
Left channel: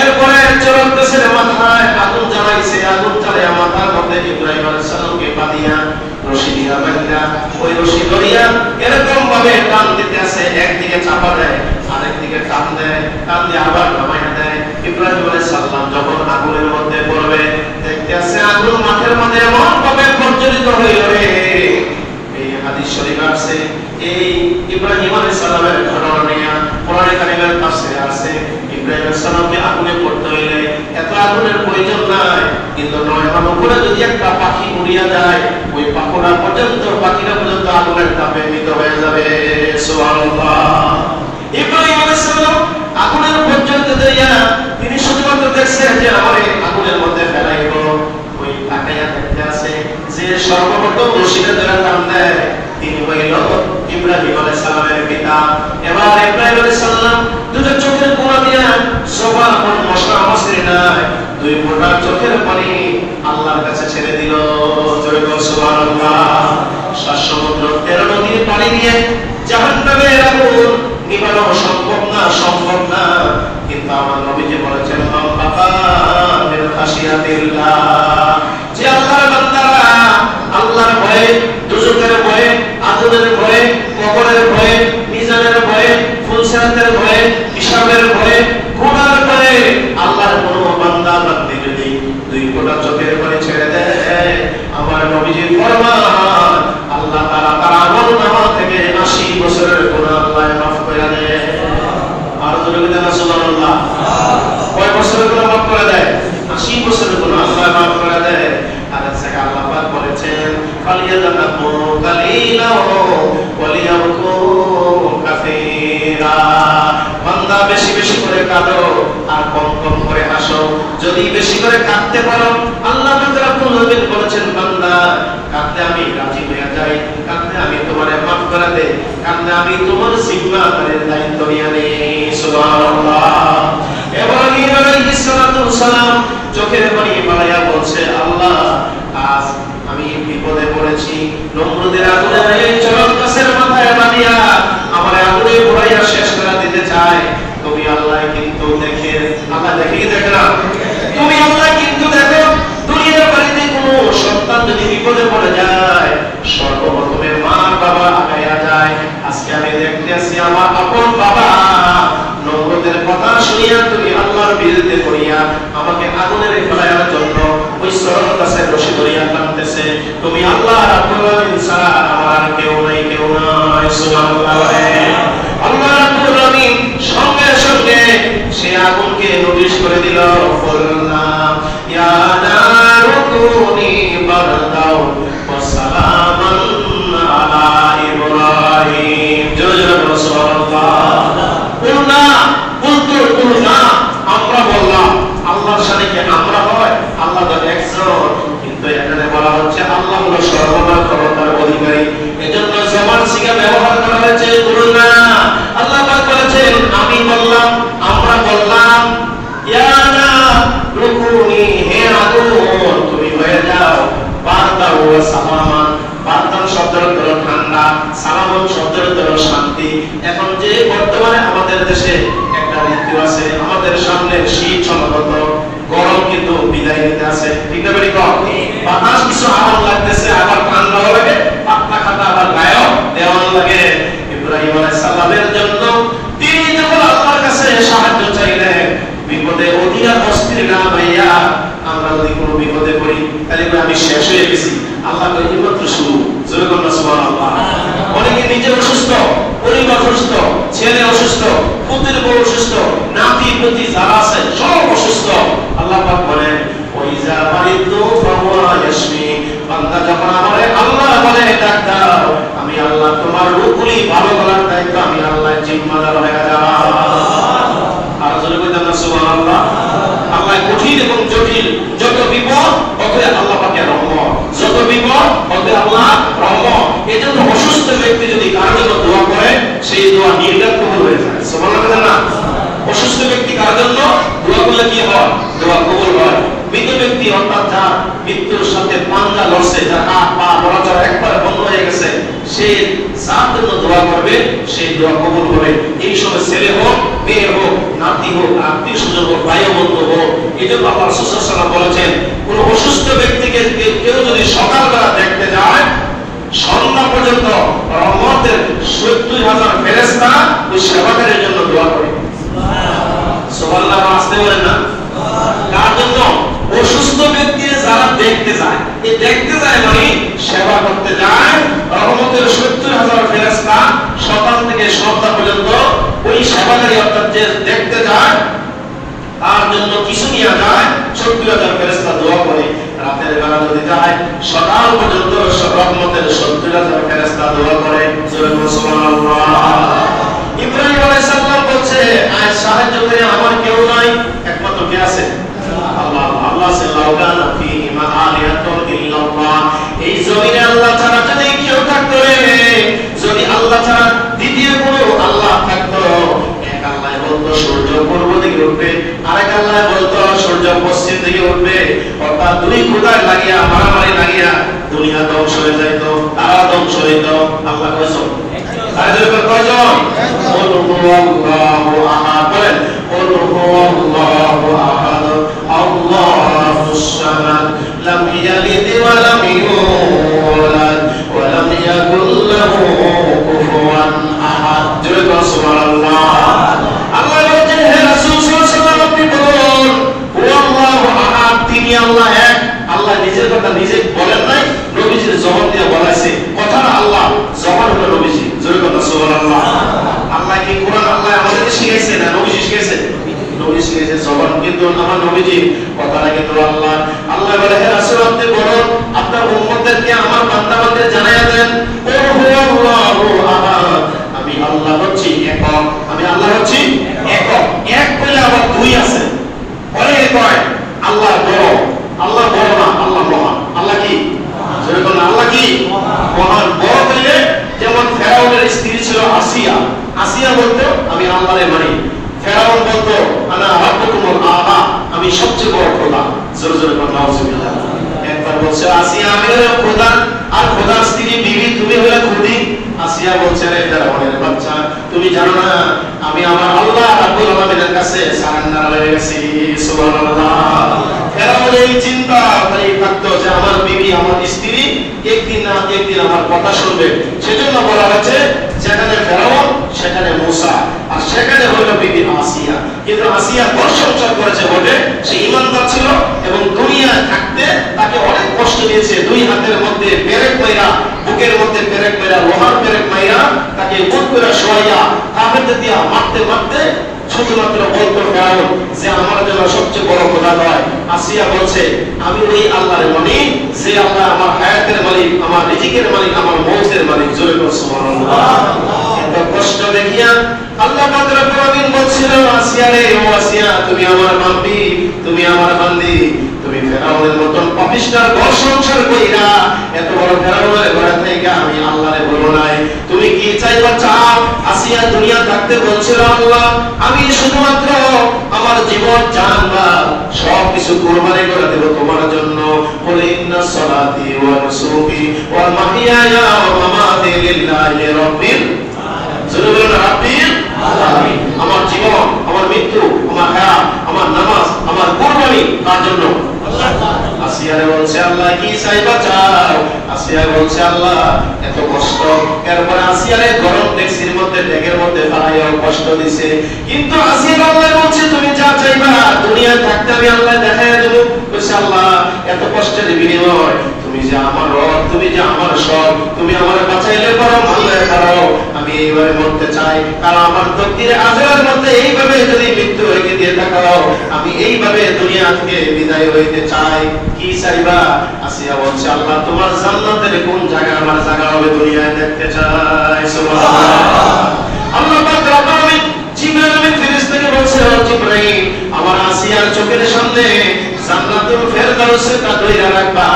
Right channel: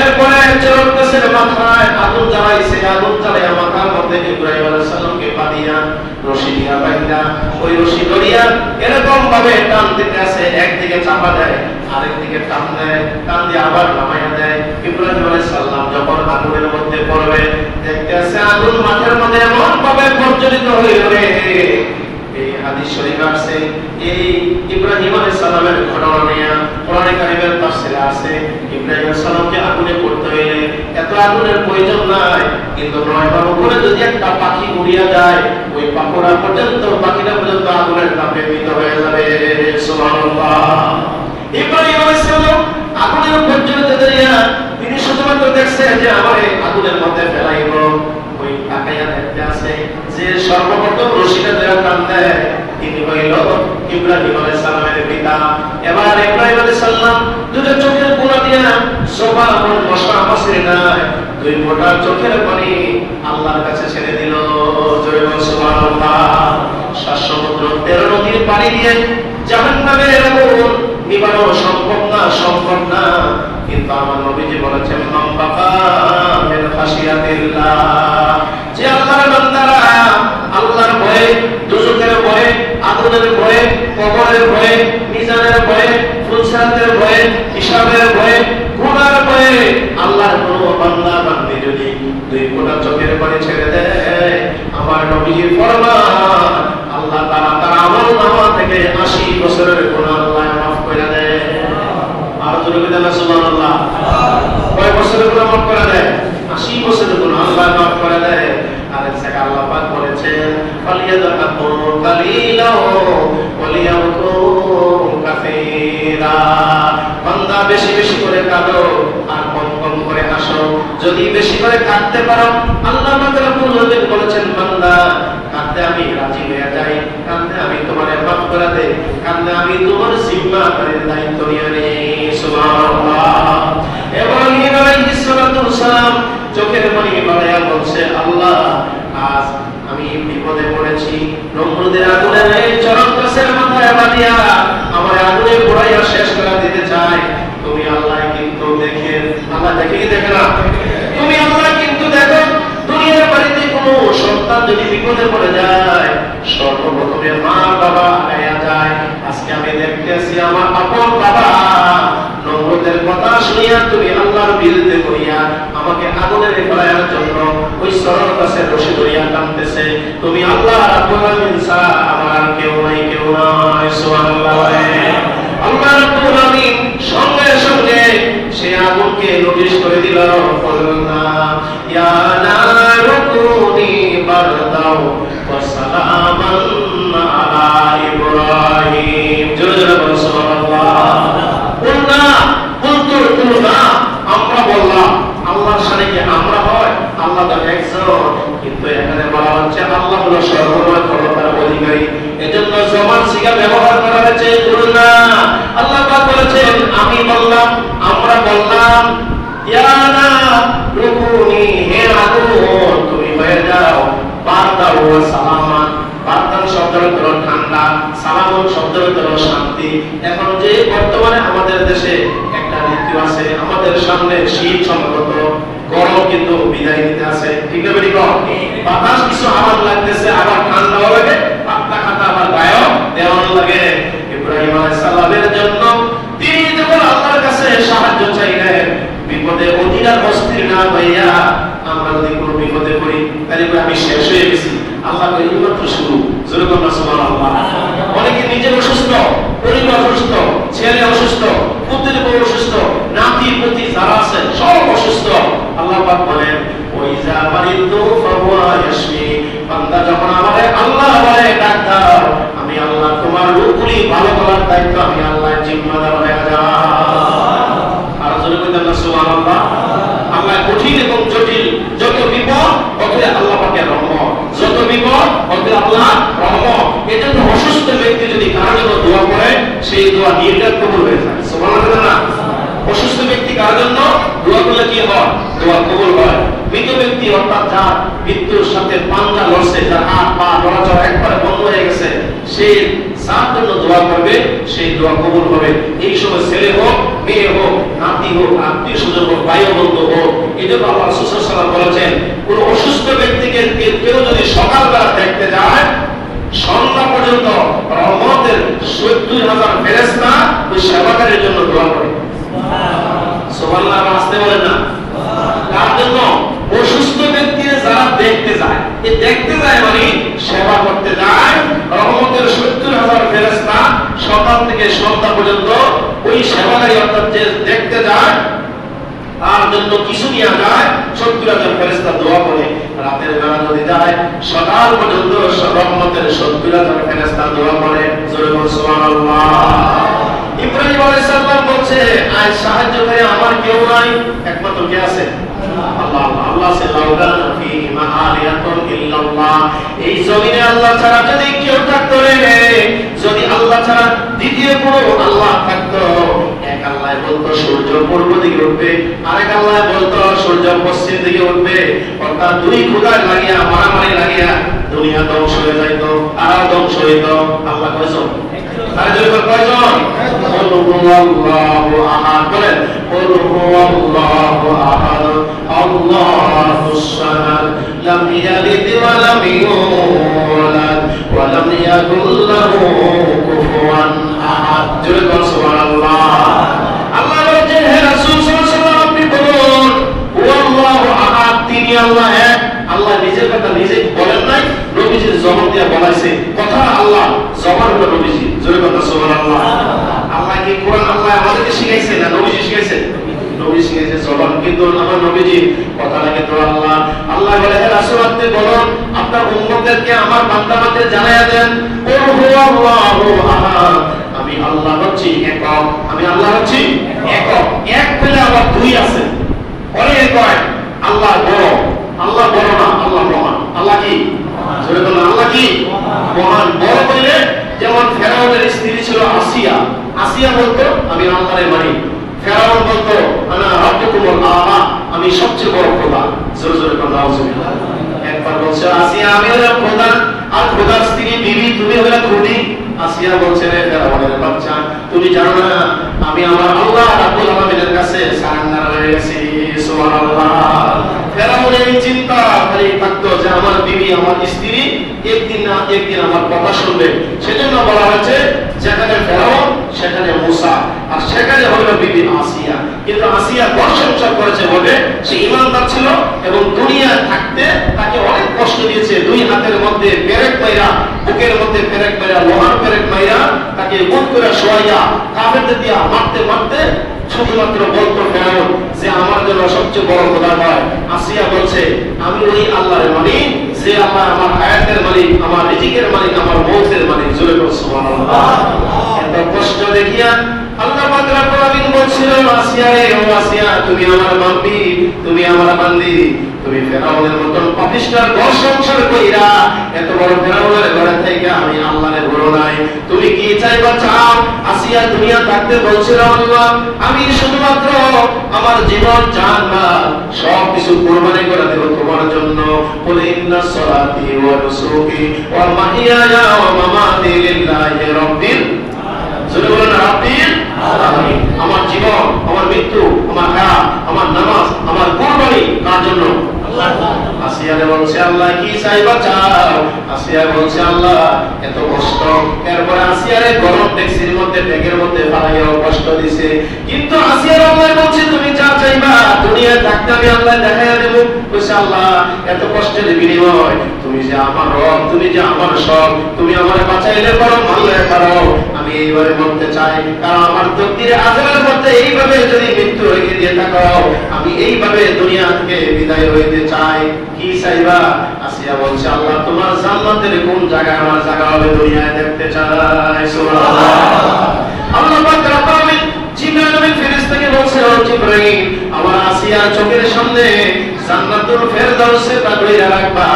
এরপরে চরণ গাছের মাথায় আগুন জ্বালাইছে, আগুন জ্বালাইয়া মাথার মধ্যে ইব্রাহিম আলাইহিস সালামকে বাঁধিয়া রশি দিয়া বাঁধা, ওই রশি ধরিয়া এরকম ভাবে টান দিতে আসে, একদিকে চাপা দেয় আরেকদিকে টান দেয়, টান দিয়ে আবার নামাইয়া দেয়। ইব্রাহিম আলাইহিস সালাম যখন আগুনের মধ্যে পড়বে দেখতে আসে আগুন মাঠের মধ্যে এমন ভাবে প্রজ্বলিত হয়ে যাবে। এই হাদিস শরীফ আছে, এই ইব্রাহিম আলাইহিস সালামের ঘটনা নিয়ে কোরআনে কারিমের তাফসীরে আছে, ইব্রাহিম আলাইহিস সালামকে আগুনে পড়তে হইলে এত আগুনের প্রয়োজন নাই, কিন্তু 9 বার উপরে যদি একটা পাখি উড়িয়া যায় ওই পাখিটা পর্যন্ত আগুনের তাপে মৃত হয়ে যাবে। সুবহানাল্লাহ। ইব্রাহিম আলাইহিস সালাম আগুনের প্রজ্বলিত দিয়া তিনি শুধুমাত্র দেখছেন যে আমার এই আগুনের মধ্যে ফেলাইব, ওই তাকাইয়া দেখতে আছে যে সর্বপ্রথম রশিটা ধরে টান দেয় তিনি হইল ইব্রাহিম আলাইহিস সালামের পিতা। এবার ইব্রাহিম আলাইহিস সালাম দুটো চোখের কোণা দিয়া সোফা কোন মশা মশরি নাই, 2 ফোঁটা চোখের পানি আল্লাহর কাছে ছেড়ে দিল। জয় বল সুবহানাল্লাহ। 7 সমুদ্র 13 নদীর পানি দিয়ে জাহান্নামের আগুন নিভানো সম্ভব না, কিন্তু আমার নবীজি বলেছেন মান বাকা মিন খাশিয়াতিল্লাহ, যে আল্লাহর বান্দারা আল্লাহর ভয়ে, দুজকের ভয়ে, আগুনের ভয়ে, কবরের ভয়ে, মিজানের ভয়ে, ফুলসিরাতের ভয়ে, হিসাবের ভয়ে, গুনার ভয়ে আল্লাহর কোন বান্দা বান্দি যদি 2 ফোঁটা চোখের পানি ছেড়ে দেয়, আমার নবীজি ফরমান আল্লাহ তাআলা তার আমলনামা থেকে 80 বছরের গুনাহ আল্লাহ মাফ করে দেয়। আর জোরে বলেন সুবহানাল্লাহ। কয় বছরের গুনাহ মাফ করে দেয়? 80 বছরের গুনাহ আল্লাহ মাফ করে দেয়। আর এছাড়া আল্লাহ পাক বলেছেন ফালিয়াযাকুন কালিলাও ওয়ালিয়াকুন কাসীরা, বান্দা বেশি বেশি করে কাঁদো আর কম কম করে হাসো। যদি বেশি করে কাঁদতে পারো আল্লাহ পাক রব্বুল আলামিন বলেছেন বান্দা কাঁদতে আমি রাজি হয়ে যাই, কাঁদতে আমি তোমারে মাফ করে দেই, কাঁদতে আমি তোমার জিম্মাদারির দায়িত্ব নিয়ে নেই। সুবহানাল্লাহ। ইব্রাহিম আলাইহিস সালাম চোখের পানি বাড়াইয়া বলছে আল্লাহ আজ আমি বিপদে পড়েছি, নমরুদের আগুনে এই চরণ গাছের মাথায় বাঁধিয়া আমার আগুনে পোড়াইয়া শেষ করে দিতে চায়। তুমি আল্লাহ কিন্তু দেখে না, তুমি আল্লাহ কিন্তু দেখো দুনিয়ার বাড়িতে কোনো সন্তান যদি বিপদে পড়ে যায় সর্বপ্রথমে মা বাবা আগাইয়া যায়। আজকে আমি দেখতেছি আমার আপন বাবা নমরুদের কথা শুনিয়া তুমি আল্লাহর বিরুদ্ধে করিয়া আমাকে আগুনের ফেলার জন্য ওই চরণ গাছের রশি ধরিয়া টানতেছে। তুমি আল্লাহ রাব্বুল আলামিন ছাড়া আমার কেউ নাই। সুবহানাল্লাহ। আল্লাহ রাব্বুল আলামিন সঙ্গে সঙ্গে সে আগুনকে নোটিশ করে দিল, বলনা ইয়া নারু কুনি বারদাও ওয়া সালামান আলা ইব্রাহিম। জোরে জোরে বলো সুবহানাল্লাহ। বলনা বলনা আমরা বললাম, আল্লাহর সাথে কি আমরা হয়? আল্লাহ তো একজন, কিন্তু এখানে বলা হচ্ছে আল্লাহ হলো সর্বময় ক্ষমতার অধিকারী, এজন্য জবান সিগা ব্যবহার করা হয়েছে বলনা। আল্লাহ পাক বলেছেন আমি বললাম, আমরা বললাম ইয়া না রুকুনি, হে আগুন তুমি হয়ে যাও বারদা ও সালামান। বারদান শব্দের অর্থ ঠান্ডা, সালামন শব্দের অর্থ শান্তি। এখন যে বর্তমানে আমাদের দেশে একটা ঋতু আছে, আমাদের সামনে শীত সমাগত, গরম কিন্তু বিদায় নিতে আছে, ঠিক না বেরি কম? বাতাস কিছু আরাম লাগতেছে, আবার ঠান্ডা লাগে, পাতলা খাতা আবার গায়ে দেওয়ান লাগে। ইব্রাহিম আলাইহিস সালামের জন্য তিনি যখন আল্লাহর কাছে সাহায্য চাইলেন, বিপদে অধীর অস্থির না হইয়া আমরা যদি কোনো বিপদে পড়ি তাহলে আমি শেষ হয়ে গেছি, আল্লাহ কই মাত্র শুরু। জোরে বলুন সুবহানাল্লাহ। অনেকে নিজে অসুস্থ, পরিবার অসুস্থ, ছেলে অসুস্থ, পুত্রের বউ অসুস্থ, নাতি পুতি যারা আছে সব অসুস্থ। আল্লাহ পাক বলেন ওয়াইজা মারিদু ফাহুয়া ইয়াশফি, বান্দা যখন আমারে আল্লাহ বলে ডাক দাও, আমি আল্লাহ তোমার রোগগুলি ভালো করার দায়িত্ব আমি আল্লাহ জিম্মাদার হয়ে যাব। আর জোরে বলুন সুবহানাল্লাহ। আল্লাহ কঠিন এবং জটিল যত বিপদ তত আল্লাহ পাকের রহমত, যত বিপদ তত আল্লাহ রহমত। এজন্য অসুস্থ ব্যক্তি যদি কারো জন্য দোয়া করে সেই দোয়া নির্ঘাত কবুল হয়ে যায়। সুবহানাল্লাহ না? অসুস্থ ব্যক্তি কার জন্য দোয়া করলে কি হয়? দোয়া কবুল হয়। মৃত ব্যক্তি অর্থাৎ যার মৃত্যুর সাথে পাঞ্জা লড়ছে, যার হাত পা নড়াচড়া একবারে বন্ধ হয়ে গেছে, সে যার জন্য দোয়া করবে হবে, সেই দোয়া কবুল হবে। এই সময় ছেলে হোক, মেয়ে হোক, নাতি হোক, আত্মীয় স্বজন হোক, ভাই বন্ধু হোক, এই জন্য আল্লাহ রাসূল সাল্লাল্লাহু আলাইহি ওয়াসাল্লাম বলেছেন, কোন অসুস্থ ব্যক্তিকে কেউ যদি সকালবেলা দেখতে যায়, সন্ধ্যা পর্যন্ত রহমতের ৭০,০০০ ফেরেশতা ওই সেবাকারীর জন্য দোয়া করে। সুবহানাল্লাহ, আসতে বলেন না? তার জন্য অসুস্থ ব্যক্তি যারা দেখতে যায়, এই দেখতে যায় মানে সেবা করতে যায়, রহমতের ৭০,০০০ ফেরেশতা সকাল থেকে সন্ধ্যা পর্যন্ত ওই সেবাকারী অর্থাৎ যে দেখতে যায় তার জন্য কিছু নিয়ে যায়, ৭০,০০০ ফেরেশতা দোয়া করে। রাতের বেলা যদি যায়, সকাল পর্যন্ত রহমতের ৭০,০০০ ফেরেশতা দোয়া করে। সুবহানাল্লাহ। ইব্রাহিম আলাইহিস সালাম বলছে, আজ সাহায্য করে আমার কেউ নাই, একমাত্র কে আছে? আল্লাহ। আল্লাহ সাল্লাল্লাহু ফিহি মাআলিয়াতুন ইল্লাল্লাহ। এই জমিনে আল্লাহ ছাড়া যদি কেউ থাকতো, যদি আল্লাহ ছাড়া দ্বিতীয় কোনো আল্লাহ থাকতো, এক আল্লাহ বলতো সূর্য পূর্ব দিকে উঠবে, আরেক আল্লাহ বলতো সূর্য পশ্চিম দিকে উঠবে, অর্থাৎ দুই খোদায় লাগিয়া মারামারি লাগিয়া দুনিয়া ধ্বংস হয়ে যাইত, তারা ধ্বংস হইত। আল্লাহ কসম কয়জন? আল্লাহু আহাদ। বলেন আল্লাহু আহাদ আল্লাহুস সামাদ লাম ইয়ালিদ ওয়া লাম ইউলাদ ওয়া লাম ইয়াকুল লাহু কুফুয়ান আহাদ। জোরে বলুন সুবহানাল্লাহ। আল্লাহ বলেন, হে রাসূল সাল্লাল্লাহু আলাইহি ওয়াসাল্লাম, আপনি বলুন আল্লাহু আহাদ, তিনি আল্লাহ এক। আল্লাহ নিজের কথা নিজে বলেন নাই, নবীজির জবান দিয়ে বলাইছে। কথা আল্লাহ, জবান হলো নবীজি। জোরে বলুন সুবহানাল্লাহ। আল্লাহ কি কোরআন আল্লাহ আমাদেরকে শিখাইছে না নবীজি শিখাইছে? নবী শিখাইছে জবান, কিন্তু আমার নবীজি কথাটা কিন্তু আল্লাহ। আল্লাহ বলে, হে রাসূল, আপনি বলুন আপনার উম্মতদেরকে আমার বান্দাবান্দিদের জানায়া দেন, আল্লাহু আহাদ, আমি আল্লাহ হচ্ছি একক। আমি আল্লাহ হচ্ছি একক। এক বলে আবার দুই আছে, অনেক কয় আল্লাহ বড়, আল্লাহ বড় না, আল্লাহ মহান। আল্লাহ কি? জোরে বলুন, আল্লাহ কি? মহান। বড় বলে যেমন ফেরাউনের স্ত্রী ছিল আসিয়া, আসিয়া বলতো আমি আল্লাহরে মানি। ফেরাউন বলতো আনা রাব্বুকুমুল আ'লা, আমি সবচেয়ে বড় খোদা। জোরে জোরে বলুন আউযুবিল্লাহ। একবার বলছে আসিয়া আমি হলো খোদা, আর খোদার স্ত্রী বিবি তুমি হলে খুদি। আসিয়া বলছে, রে ফেরাউনের বাচ্চা, তুমি জানো না আমি আমার আল্লাহ রাব্বুল আলামিনের কাছে সারেন্ডার হয়ে গেছি। সুবহানাল্লাহ। ফেরাউন এই চিন্তা করে থাকতো যে আমার বিবি, আমার স্ত্রী একদিন না একদিন আমার কথা শুনবে। সেজন্য বলা হয়েছে যেখানে ফেরাউন সেখানে মূসা, আর সেখানে হলো বিবি আসিয়া। কিন্তু আসিয়া ঘর সংসার করেছে বলে সে ঈমানদার ছিল এবং দুনিয়ায় থাকতে তাকে অনেক কষ্ট দিয়েছে। দুই হাতের মধ্যে পেরেক মাইরা, বুকের মধ্যে পেরেক মাইরা, লোহার পেরেক মাইরা তাকে মুখ করে শোয়াইয়া কাফেরদের দিয়া মারতে মারতে শুধুমাত্র বলতো ফেরাউন যে আমার জন্য সবচেয়ে বড় খোদা হয়। আসিয়া বলছে আমি ওই আল্লাহর মানি যে আল্লাহ আমার হায়াতের মালিক, আমার রিজিকের মালিক, আমার মৌতের মালিক। জোরে বলুন সুবহানাল্লাহ। এত কষ্ট দেখিয়া আল্লাহ পাক রব্বুল আলামিন বলছিল, আসিয়া রে, ও আসিয়া, তুমি আমার বান্দি, তুমি আমার বান্দি, তুমি ফেরাউনের মতন পাপিষ্ঠের ঘর সংসার কইরা এত বড় ফেরাউনের ঘরে থেকে আমি আল্লাহরে বলো নাই, তুমি কি চাইবা চাও। আসিয়া দুনিয়া থাকতে বলছিল আল্লাহ আমি শুধুমাত্র আমার জীবন জান মাল সবকিছু কুরবানি করে দেব তোমার জন্য। বলে ইন্না সলাতি ওয়া নুসুকি ওয়া মাহিয়ায়া ওয়া মামাতি লিল্লাহি রাব্বিল আলামিন। আমার জীবন, আমার মৃত্যু, আমার হায়াত, আমার নামাজ, আমার কুরবানি কার জন্য? আল্লাহ। আসিয়া বলছে আল্লাহ কি চাইবা চাও। আসিয়া বলছে আল্লাহ এত কষ্ট। এরপর আসিয়ারে গরম ট্যাক্সির মধ্যে ব্যাগের মধ্যে বানাইয়া কষ্ট দিছে, কিন্তু আসিয়া আল্লাহ বলছে তুমি যা চাইবা দুনিয়ায় থাকতে আমি আল্লাহ দেখাইয়া দেব। কইছে আল্লাহ এত কষ্টের বিনিময় তুমি যে আমার রব, তুমি যে আমার সব, তুমি আমারে বাঁচাইলে বরং আল্লাহ ছাড়ো আমি এইভাবে মরতে চাই। কারণ আমার তকদিরে আজরার মধ্যে এইভাবে যদি মৃত্যু হয়ে দিয়ে থাকো আমি এইভাবে দুনিয়া থেকে বিদায় হইতে চাই। কি চাইবা? আসিয়া বলছে আল্লাহ তোমার জান্নাতের কোন জায়গা আমার জায়গা হবে দুনিয়ায় দেখতে চাই। সুবহানাল্লাহ। আল্লাহ পাক রব্বুল আলামিন জিবরাইল আমিন ফেরেশতাকে বলছে, ও জিবরাইল, আমার আসিয়ার চোখের সামনে জান্নাতুল ফেরদাউসে তা ধরে রাখবা।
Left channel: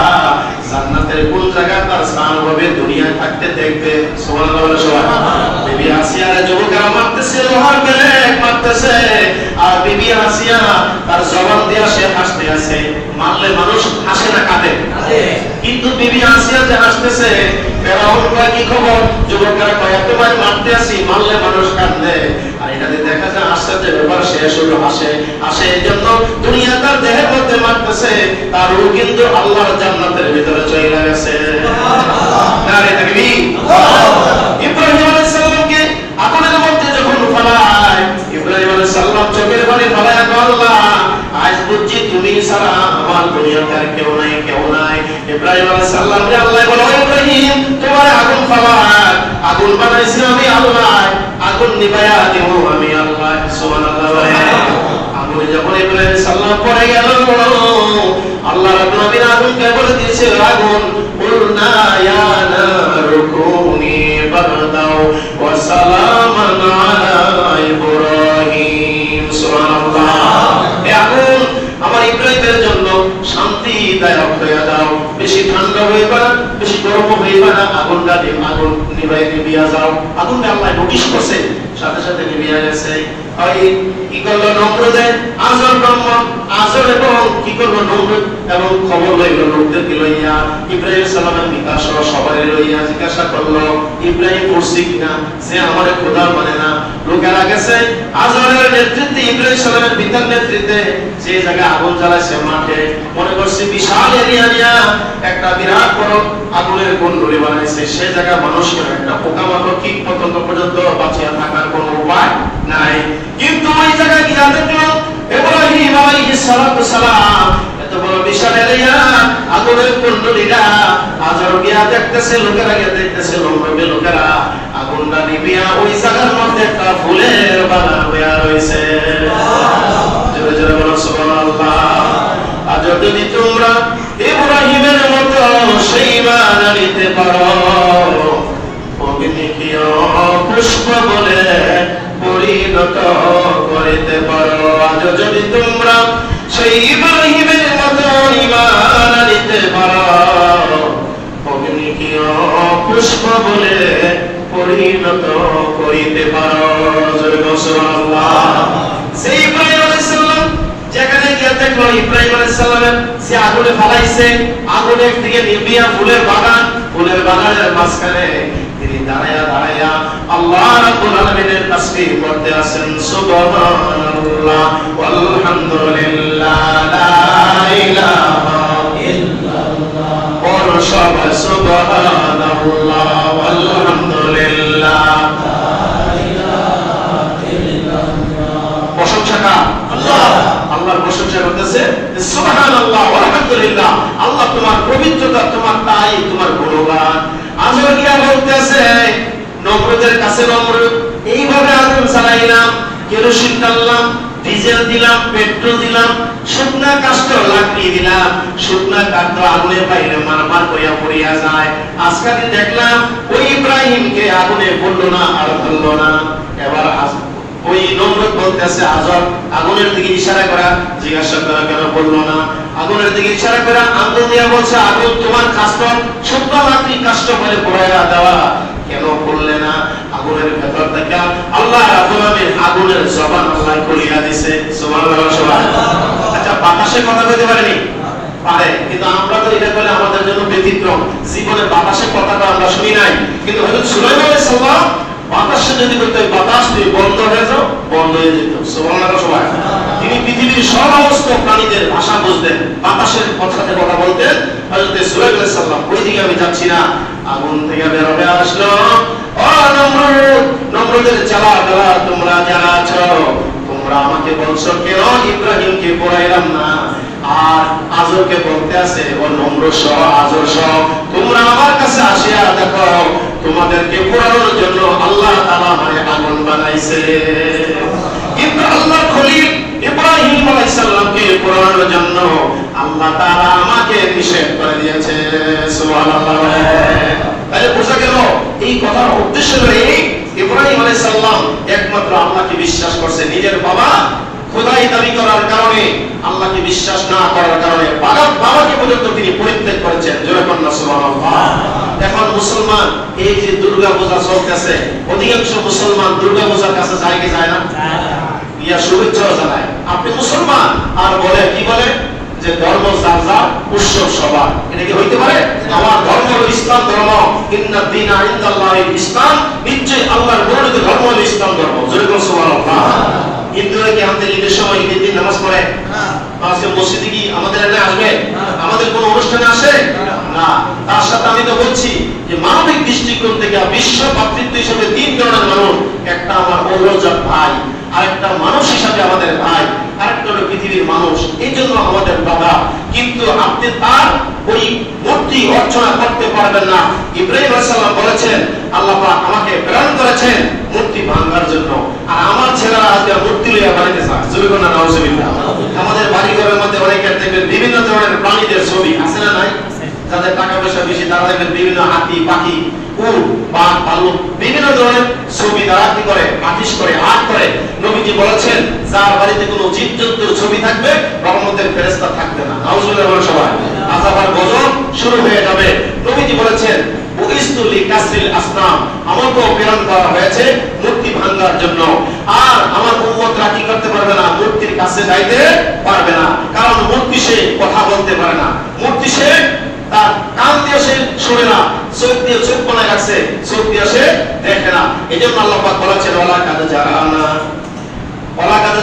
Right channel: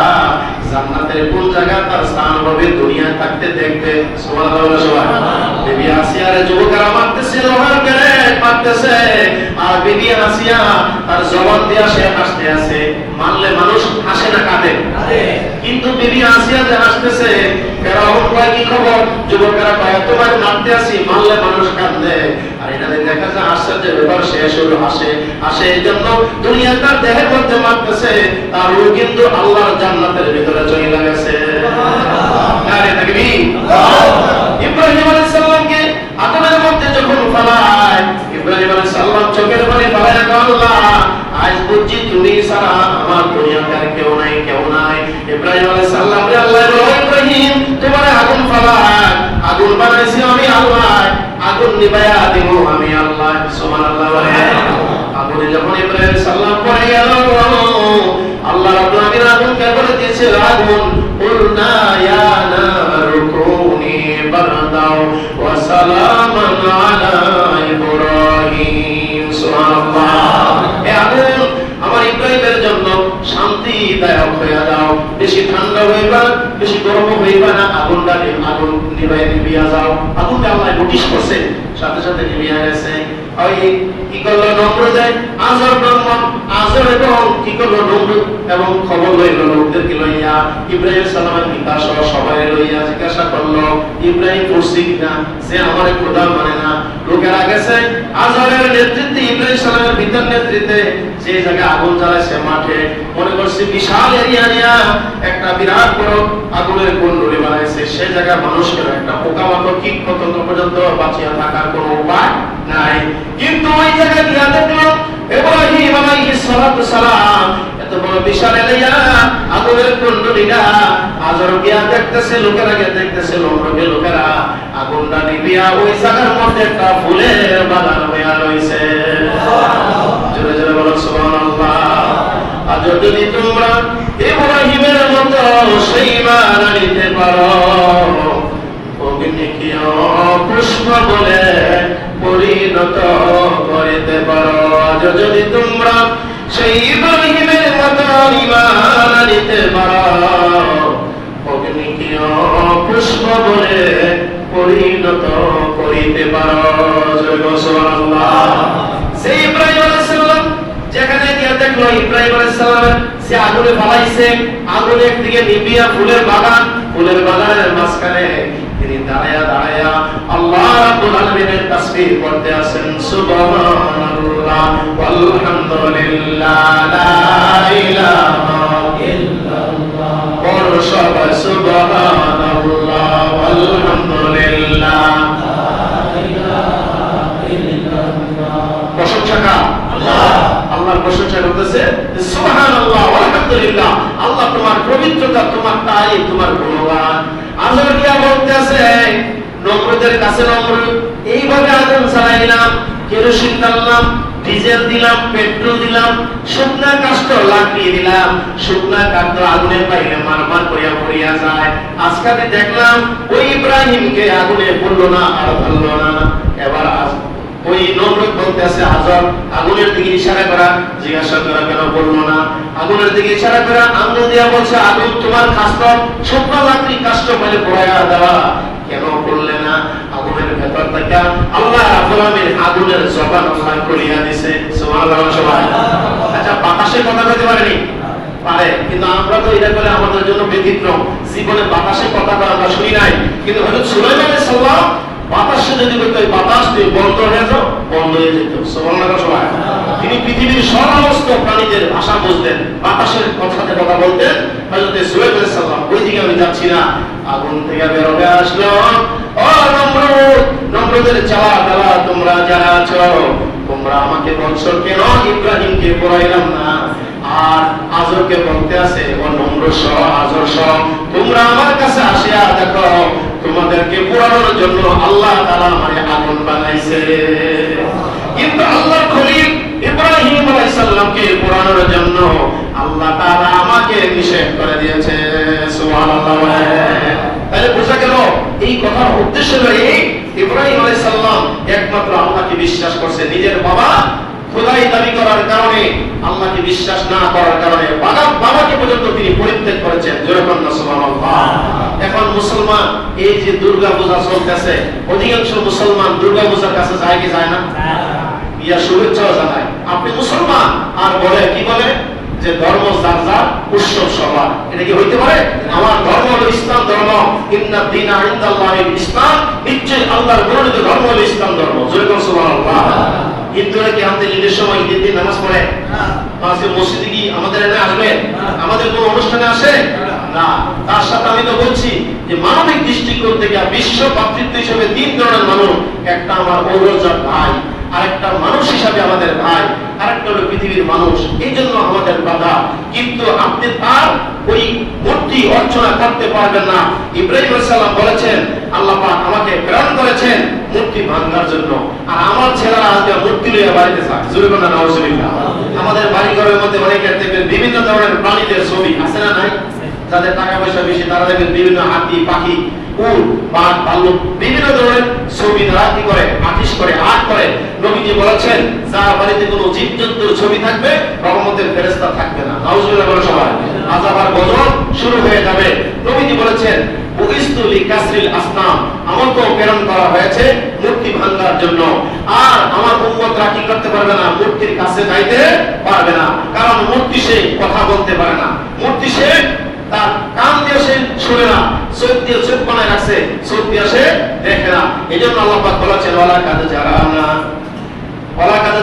জান্নাতের কোন জায়গা তার স্থান হবে দুনিয়ায় থাকতে দেখবে। সুবহানাল্লাহ। বিবি আসিয়ার যুবকেরা মারতেছে, লোহার ব্লেড মারতেছে, আর বিবি আসিয়া তার জবান দিয়ে সে হাসতে আছে। মারলে মানুষ হাসে না কাঁদে? কিন্তু বিবি আসিয়া যে হাসতেছে, ফেরাউন কয় কি খবর? যুবকেরা কয় তোমার মারতে আসি, মারলে মানুষ কাঁদে। আর এটা দেখা যায় আশ্চর্যের ব্যাপার, সে শুরু হাসে। হাসে এই জন্য দুনিয়া তার দেহের মধ্যে মারতেছে, তার রূহ কিন্তু আল্লাহর জান্নাতের ভিতরে চলে গেছে। নারে তাকবীর। ইব্রাহিম আলাইহিস সালামকে আগুনের মধ্যে যখন ফেলায়, ইব্রাহিম আলাইহিস সালাম চোখের পানি ফেলায়, আল্লাহ আজ বুঝছি তুমি ছাড়া আমার দুনিয়াতে আর কেউ নাই, কেউ নাই। ইব্রাহিম আলাইহিস সালামকে আল্লাহ বলে, ইব্রাহিম তোমার আগুন ফেলায়, আগুন বানাইছি আমি আল্লাহ, আগুন নিভায়া দেব আমি আল্লাহ। সুবহানাল্লাহ। আগুনে যখন ইব্রাহিম সালাম পড়ে গেল, আল্লাহ রাব্বুল আলামিন আগুনকে বলে দিয়েছে, আগুন কুলনা ইয়া নারু কুনি বারদাও ওয়া সালামান আলা ইব্রাহিম। সুবহানাল্লাহ। এ আগুন আমার ইব্রাহিমের জন্য শান্তিদায়ক হয়ে দাও, বেশি ঠান্ডা হইবা না, বেশি গরম হইবা না, আগুনটা আগুন নিভিয়া যাও। আগুনটা আল্লাহ নোটিশ করছে, সাথে সাথে নিভিয়া গেছে। ওই কি করলো নমরুদে, আজর এবং কি করলো নমরুদ এবং খবর লইল লোকদেরকে লইয়া, ইব্রাহিম সালামের পিতা সহ সবাই লইয়া জিজ্ঞাসা করলো ইব্রাহিম পড়ছি কিনা, সে আমাদের খোদা মানে না। লোকেরা গেছে আজরের নেতৃত্বে, ইব্রাহিম সালামের পিতার নেতৃত্বে যে জায়গায় আগুন জ্বালাইছে মাঠে, মনে করছে বিশাল এরিয়া নিয়া একটা বিরাট বড় আগুনের কুণ্ডলী বানাইছে। সে জায়গায় মানুষের একটা পোকামাকড় কীট পতঙ্গ পর্যন্ত বাঁচিয়ে থাকার কোনো উপায় নাই। কিন্তু ওই জায়গায় গিয়া দেখলো ইব্রাহিম আলাইহিস সালাতু সালাম এত বড় বিশাল এরিয়া আগুনের কুণ্ডলীটা, আজর গিয়া দেখতেছে, লোকেরা গিয়া দেখতেছে, লোকেরা আগুনটা নিভিয়া ওই জায়গার মধ্যে একটা ফুলের বাগান হইয়া রয়েছে। জোরে জোরে বলো সুবহানাল্লাহ। আজ যদি তোমরা ইব্রাহিমের মতো সেই ঈমান আনিতে পারো, অগ্নিকে পুষ্প বলে পরিণত করিতে পারো। আজ যদি তোমরা সেই ইব্রাহিমের মতো ঈমান আনিতে পারো, অগ্নিকে পুষ্প বলে পরিণত করিতে পারো। জয় সুবহানাল্লাহ। সেই ইব্রাহিম আলাইহিস সালাম যেখানে গিয়ে দেখলো ইব্রাহিম আলাইহিস সালামের সে আগুনে ফালাইছে, আগুনের দিকে নিভিয়া ফুলের বাগান, ফুলের বাগানের মাঝখানে তিনি দাঁড়ায়া দাঁড়ায়া আল্লাহ রাব্বুল আলামিনের তাসবিহ করতে আছেন। সুবহানাল্লাহ ওয়ালহামদুলিল্লাহ লা ইলাহা ইল্লাল্লাহ ওয়া সুবহানাল্লাহ ওয়ালহামদুলিল্লাহ লা ইলাহা ইল্লাল্লাহ। প্রশংসা কার? আল্লাহ। আল্লাহর প্রশংসা করতেছে সুবহানাল্লাহ ওয়ালহামদুলিল্লাহ। আল্লাহ তোমার পবিত্রতা, তোমার তারিফ, তোমার গুণগান। আজর কি বলতেছে নমরুদের কাছে, নমরুদ এইভাবে আগুন জ্বালাইলাম, কেরোসিন ঢাললাম, ডিজেল দিলাম, পেট্রোল দিলাম, শুকনা কাষ্ঠ লাকড়ি দিলাম, শুকনা কাঠ আগুনের বাইরে মারমার করিয়া পড়িয়া যায়। আজকে দেখলাম ওই ইব্রাহিমকে আগুনে পড়লো না, আর ফেললো না। এবার ওই নমরুদ বলতেছে আজর আগুনের দিকে ইশারা করা, জিজ্ঞাসা করা কেন বললো না? আগুনের দিকে ইশারা করা, আঙ্গুল দিয়া বলছে আগুন তোমার কাষ্ঠ, শুকনা লাকড়ি কাষ্ঠ ফেলে পড়াইয়া দেওয়া, কেন করলে না? আগুনের ভেতর থেকে আল্লাহ রাব্বুল আলামিন আগুনের জবান আল্লাহ করিয়া দিয়েছে। সুবহানাল্লাহ। আচ্ছা, বাতাসের কথা বলতে পারেনি? পারে, কিন্তু আমরা তো এটা বলে আমাদের জন্য ব্যতিক্রম। জীবনে বাতাসের কথাটা আমরা শুনি নাই, কিন্তু হযরত সুলাইমান আলাইহিস সালাম বাতাসে যদি বলতো বাতাস দিয়ে বন্ধ হয়ে যাও, বন্ধ হয়ে যেত। সুবহানাল্লাহ। তিনি পৃথিবীর সমস্ত প্রাণীদের ভাষা বুঝতেন, বাতাসের কথাতে কথা বলতেন। হযরত সুলাইমান আলাইহিস সালাম ওই দিকে আমি যাচ্ছি না, আগুন থেকে বের হয়ে আসলো। ও নমরুদ, নমরুদের চালা চালা তোমরা যারা আছো, তোমরা আমাকে বলছো কেন ইব্রাহিমকে পড়াইলাম না? আর আজরকে বলতে আছে ও নমরুদ সহ আজর সহ তোমরা আমার কাছে আসিয়া দেখো, তোমাদেরকে পোড়ানোর জন্য আল্লাহ তাআলা আমাকে আগুন বানাইছে। কিন্তু আল্লাহর খলিল ইব্রাহিম আলাইহিস সালামকে পোড়ানোর জন্য আল্লাহ তাআলা আমাকে নিষেধ করে দিয়েছে। সুবহানাল্লাহ। তাহলে বোঝা গেল এই কথার উদ্দেশ্য হলো এই, ইব্রাহিম আলাইহিস সালাম একমাত্র আল্লাহকে বিশ্বাস করছে, নিজের বাবা খোদা ভাই দাবি করার কারণে, আল্লাহকে বিশ্বাস না করার কারণে বাবাকে পর্যন্ত তিনি পরিত্যাগ করেছেন। যেরকম সুবহানাল্লাহ। এখন মুসলমান এই যে দুর্গা পূজা চলতেছে, অধিকাংশ মুসলমান দুর্গা পূজার কাছে যায় কি যায় না? ইয়া শুভেচ্ছাও জানায়। আপনি মুসলমান আর বলে কি বলে যে ধর্ম যার যার, উৎসব সবার। এটা কি হইতে পারে? আমার ধর্ম হলো ইসলাম ধর্ম। ইন্না দীনা ইনদাল্লাহিল ইসলাম, নিশ্চয়ই আল্লাহর মনোনীত ধর্ম হলো ইসলাম ধর্ম। যেরকম সুবহানাল্লাহ। হিন্দুরা কি আমাদের ঈদের সময় ঈদের দিন নামাজ পড়ে? আজকে মসজিদে কি আমাদের এখানে আসবে? আমাদের কোন অনুষ্ঠানে আসে না। তার সাথে আমি তো বলছি যে মানবিক দৃষ্টিকোণ থেকে বিশ্ব ভাতৃত্ব হিসেবে তিন ধরনের মানুষ। একটা আমার পৌরজাত ভাই, আরেকটা মানুষ হিসাবে আমাদের ভাই, আরেকটা হলো পৃথিবীর মানুষ। এই জন্য আমাদের বাধা। কিন্তু আপনি তার ওই মূর্তি অর্চনা করতে পারবেন না। ইব্রাহিম আলাইহিস সালাম বলেছেন, আল্লাহ পাক আমাকে প্রেরণ করেছেন মূর্তি ভাঙার জন্য। আর আমার ছেলেরা আজকে মূর্তি লইয়া বাড়িতে যায়। জোরে বলেন নাউজুবিল্লাহ। আমাদের বাড়ি ঘরের মধ্যে অনেকের দেখবেন বিভিন্ন ধরনের প্রাণীদের ছবি আছে না নাই? যাদের টাকা পয়সা বেশি তারা দেখবেন বিভিন্ন হাতি, পাখি, উট, বাঘ, ভাল্লুক বিভিন্ন ধরনের ছবি তারা কি করে? আর্টিস্ট করে, আর্ট করে। নবীজি বলেছেন, যার বাড়িতে কোনো জীবজন্তুর ছবি থাকবে রহমতের ফেরেশতা থাকবে না। নাউজুবিল্লাহ বলেন সবাই। আযাবার গজব শুরু হয়ে যাবে। নবীজি বলেছেন, বুইস্তু লিকাসরিল আসনাম, আমাকে প্রেরণ করা হয়েছে মূর্তি ভাঙার জন্য। আর আমার উম্মতরা কি করতে পারবে না? মূর্তির কাছে যাইতে পারবে না। কারণ মূর্তি সে কথা বলতে পারে না, মূর্তি সে তার কান দিয়ে সে শুনে না, চোখ দিয়ে চোখ বানায় রাখছে, চোখ দিয়ে সে দেখে না। এই জন্য আল্লাহ পাক বলেছেন, ওয়ালা কাদ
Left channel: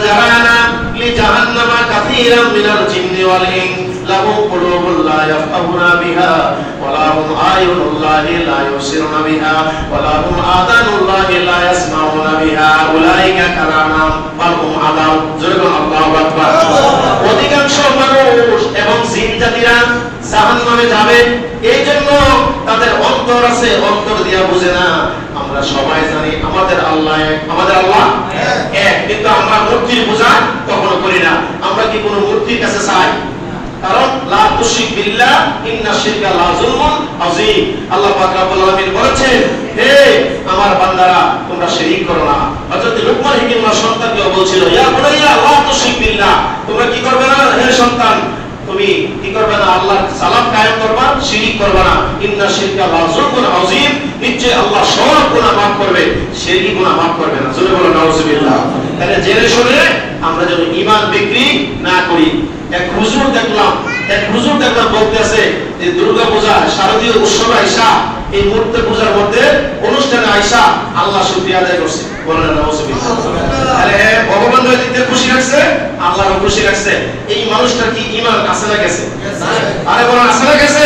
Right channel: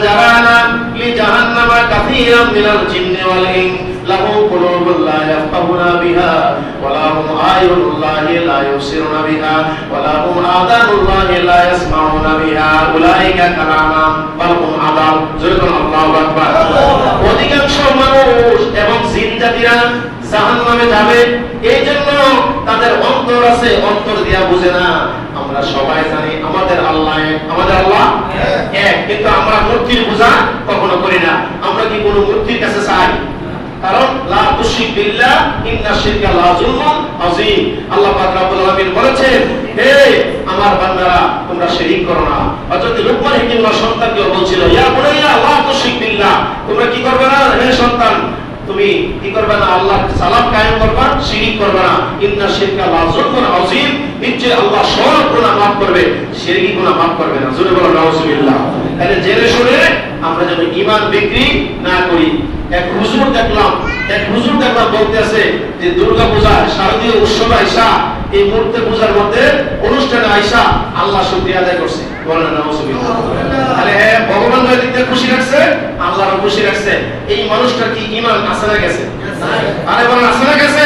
জারানা লি জাহান্নামা কাসীরাম মিনাল জিন্নি ওয়াল ইনস লাহুম কুলুবুন লা ইয়াফকাহুনা বিহা ওয়া লাহুম আয়ুনুন লা ইউবসিরুনা বিহা ওয়া লাহুম আযানুন লা ইয়াসমাউনা বিহা উলাইকা কালামাম বাল হুম আযাব। যেরকম আল্লাহু আকবার। অধিকাংশ মানুষ এবং জিন জাতিরা জাহান্নামে যাবে। এই জন্য তাদের অন্তর আছে, অন্তর দিয়া বুঝে না। আমরা সবাই জানি আমাদের আল্লাহ এক, কিন্তু আমরা মূর্তির পূজা কখনো করি না। আমরা কি কোনো মূর্তির কাছে চাই? কারণ লা তুশরিক বিল্লাহ ইন্না শিরকা লা যুলমুন আযীম। আল্লাহ পাক রব্বুল আলামিন বলেছেন, হে আমার বান্দারা তোমরা শিরক করো না। হযরত লুকমান হাকিম ওয়ার সন্তানকে বলছিল, ইয়া বুনাইয়া লা তুশরিক বিল্লাহ, তোমরা কি করবে না হে সন্তান, তুমি কি করবে না? আল্লাহর সালাম কায়েম করবা, শিরক করবে না। ইন্না শিরকা লা যুলমুন আযীম, নিশ্চয়ই আল্লাহ সব গুনাহ মাফ করবে, শিরকি গুনাহ মাফ করবে না। জোরে বলো নাউজুবিল্লাহ। তাহলে জেনে শুনে আমরা যেন ঈমান বিক্রি না করি। এক হুজুর দেখলাম বলতেছে যে দুর্গা পূজা শারদীয় উৎসব আইসা, এই মূর্তি পূজার মধ্যে অনুষ্ঠানে আইসা আল্লাহ শুকরিয়া আদায় করছে। বলেন নাউজুবিল্লাহ। তাহলে ভগবান যদি খুশি রাখছে, আল্লাহও খুশি রাখছে। এই মানুষটার কি ঈমান আছে না গেছে? আরে বলেন আছে না গেছে?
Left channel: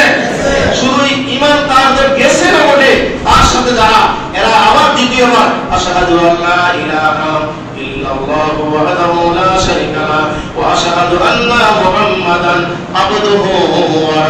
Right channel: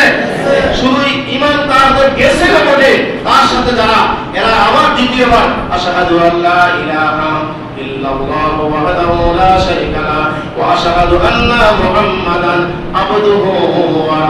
শুধু ঈমান তার যে গেছে না বলে, তার সাথে যারা এরা আবার দ্বিতীয়বার আশহাদু আল্লা ইলাহা ইল্লাল্লাহু ওয়াহদাহু লা শারীকা লাহু ওয়া আশহাদু আন্না মুহাম্মাদান আবদুহু ওয়া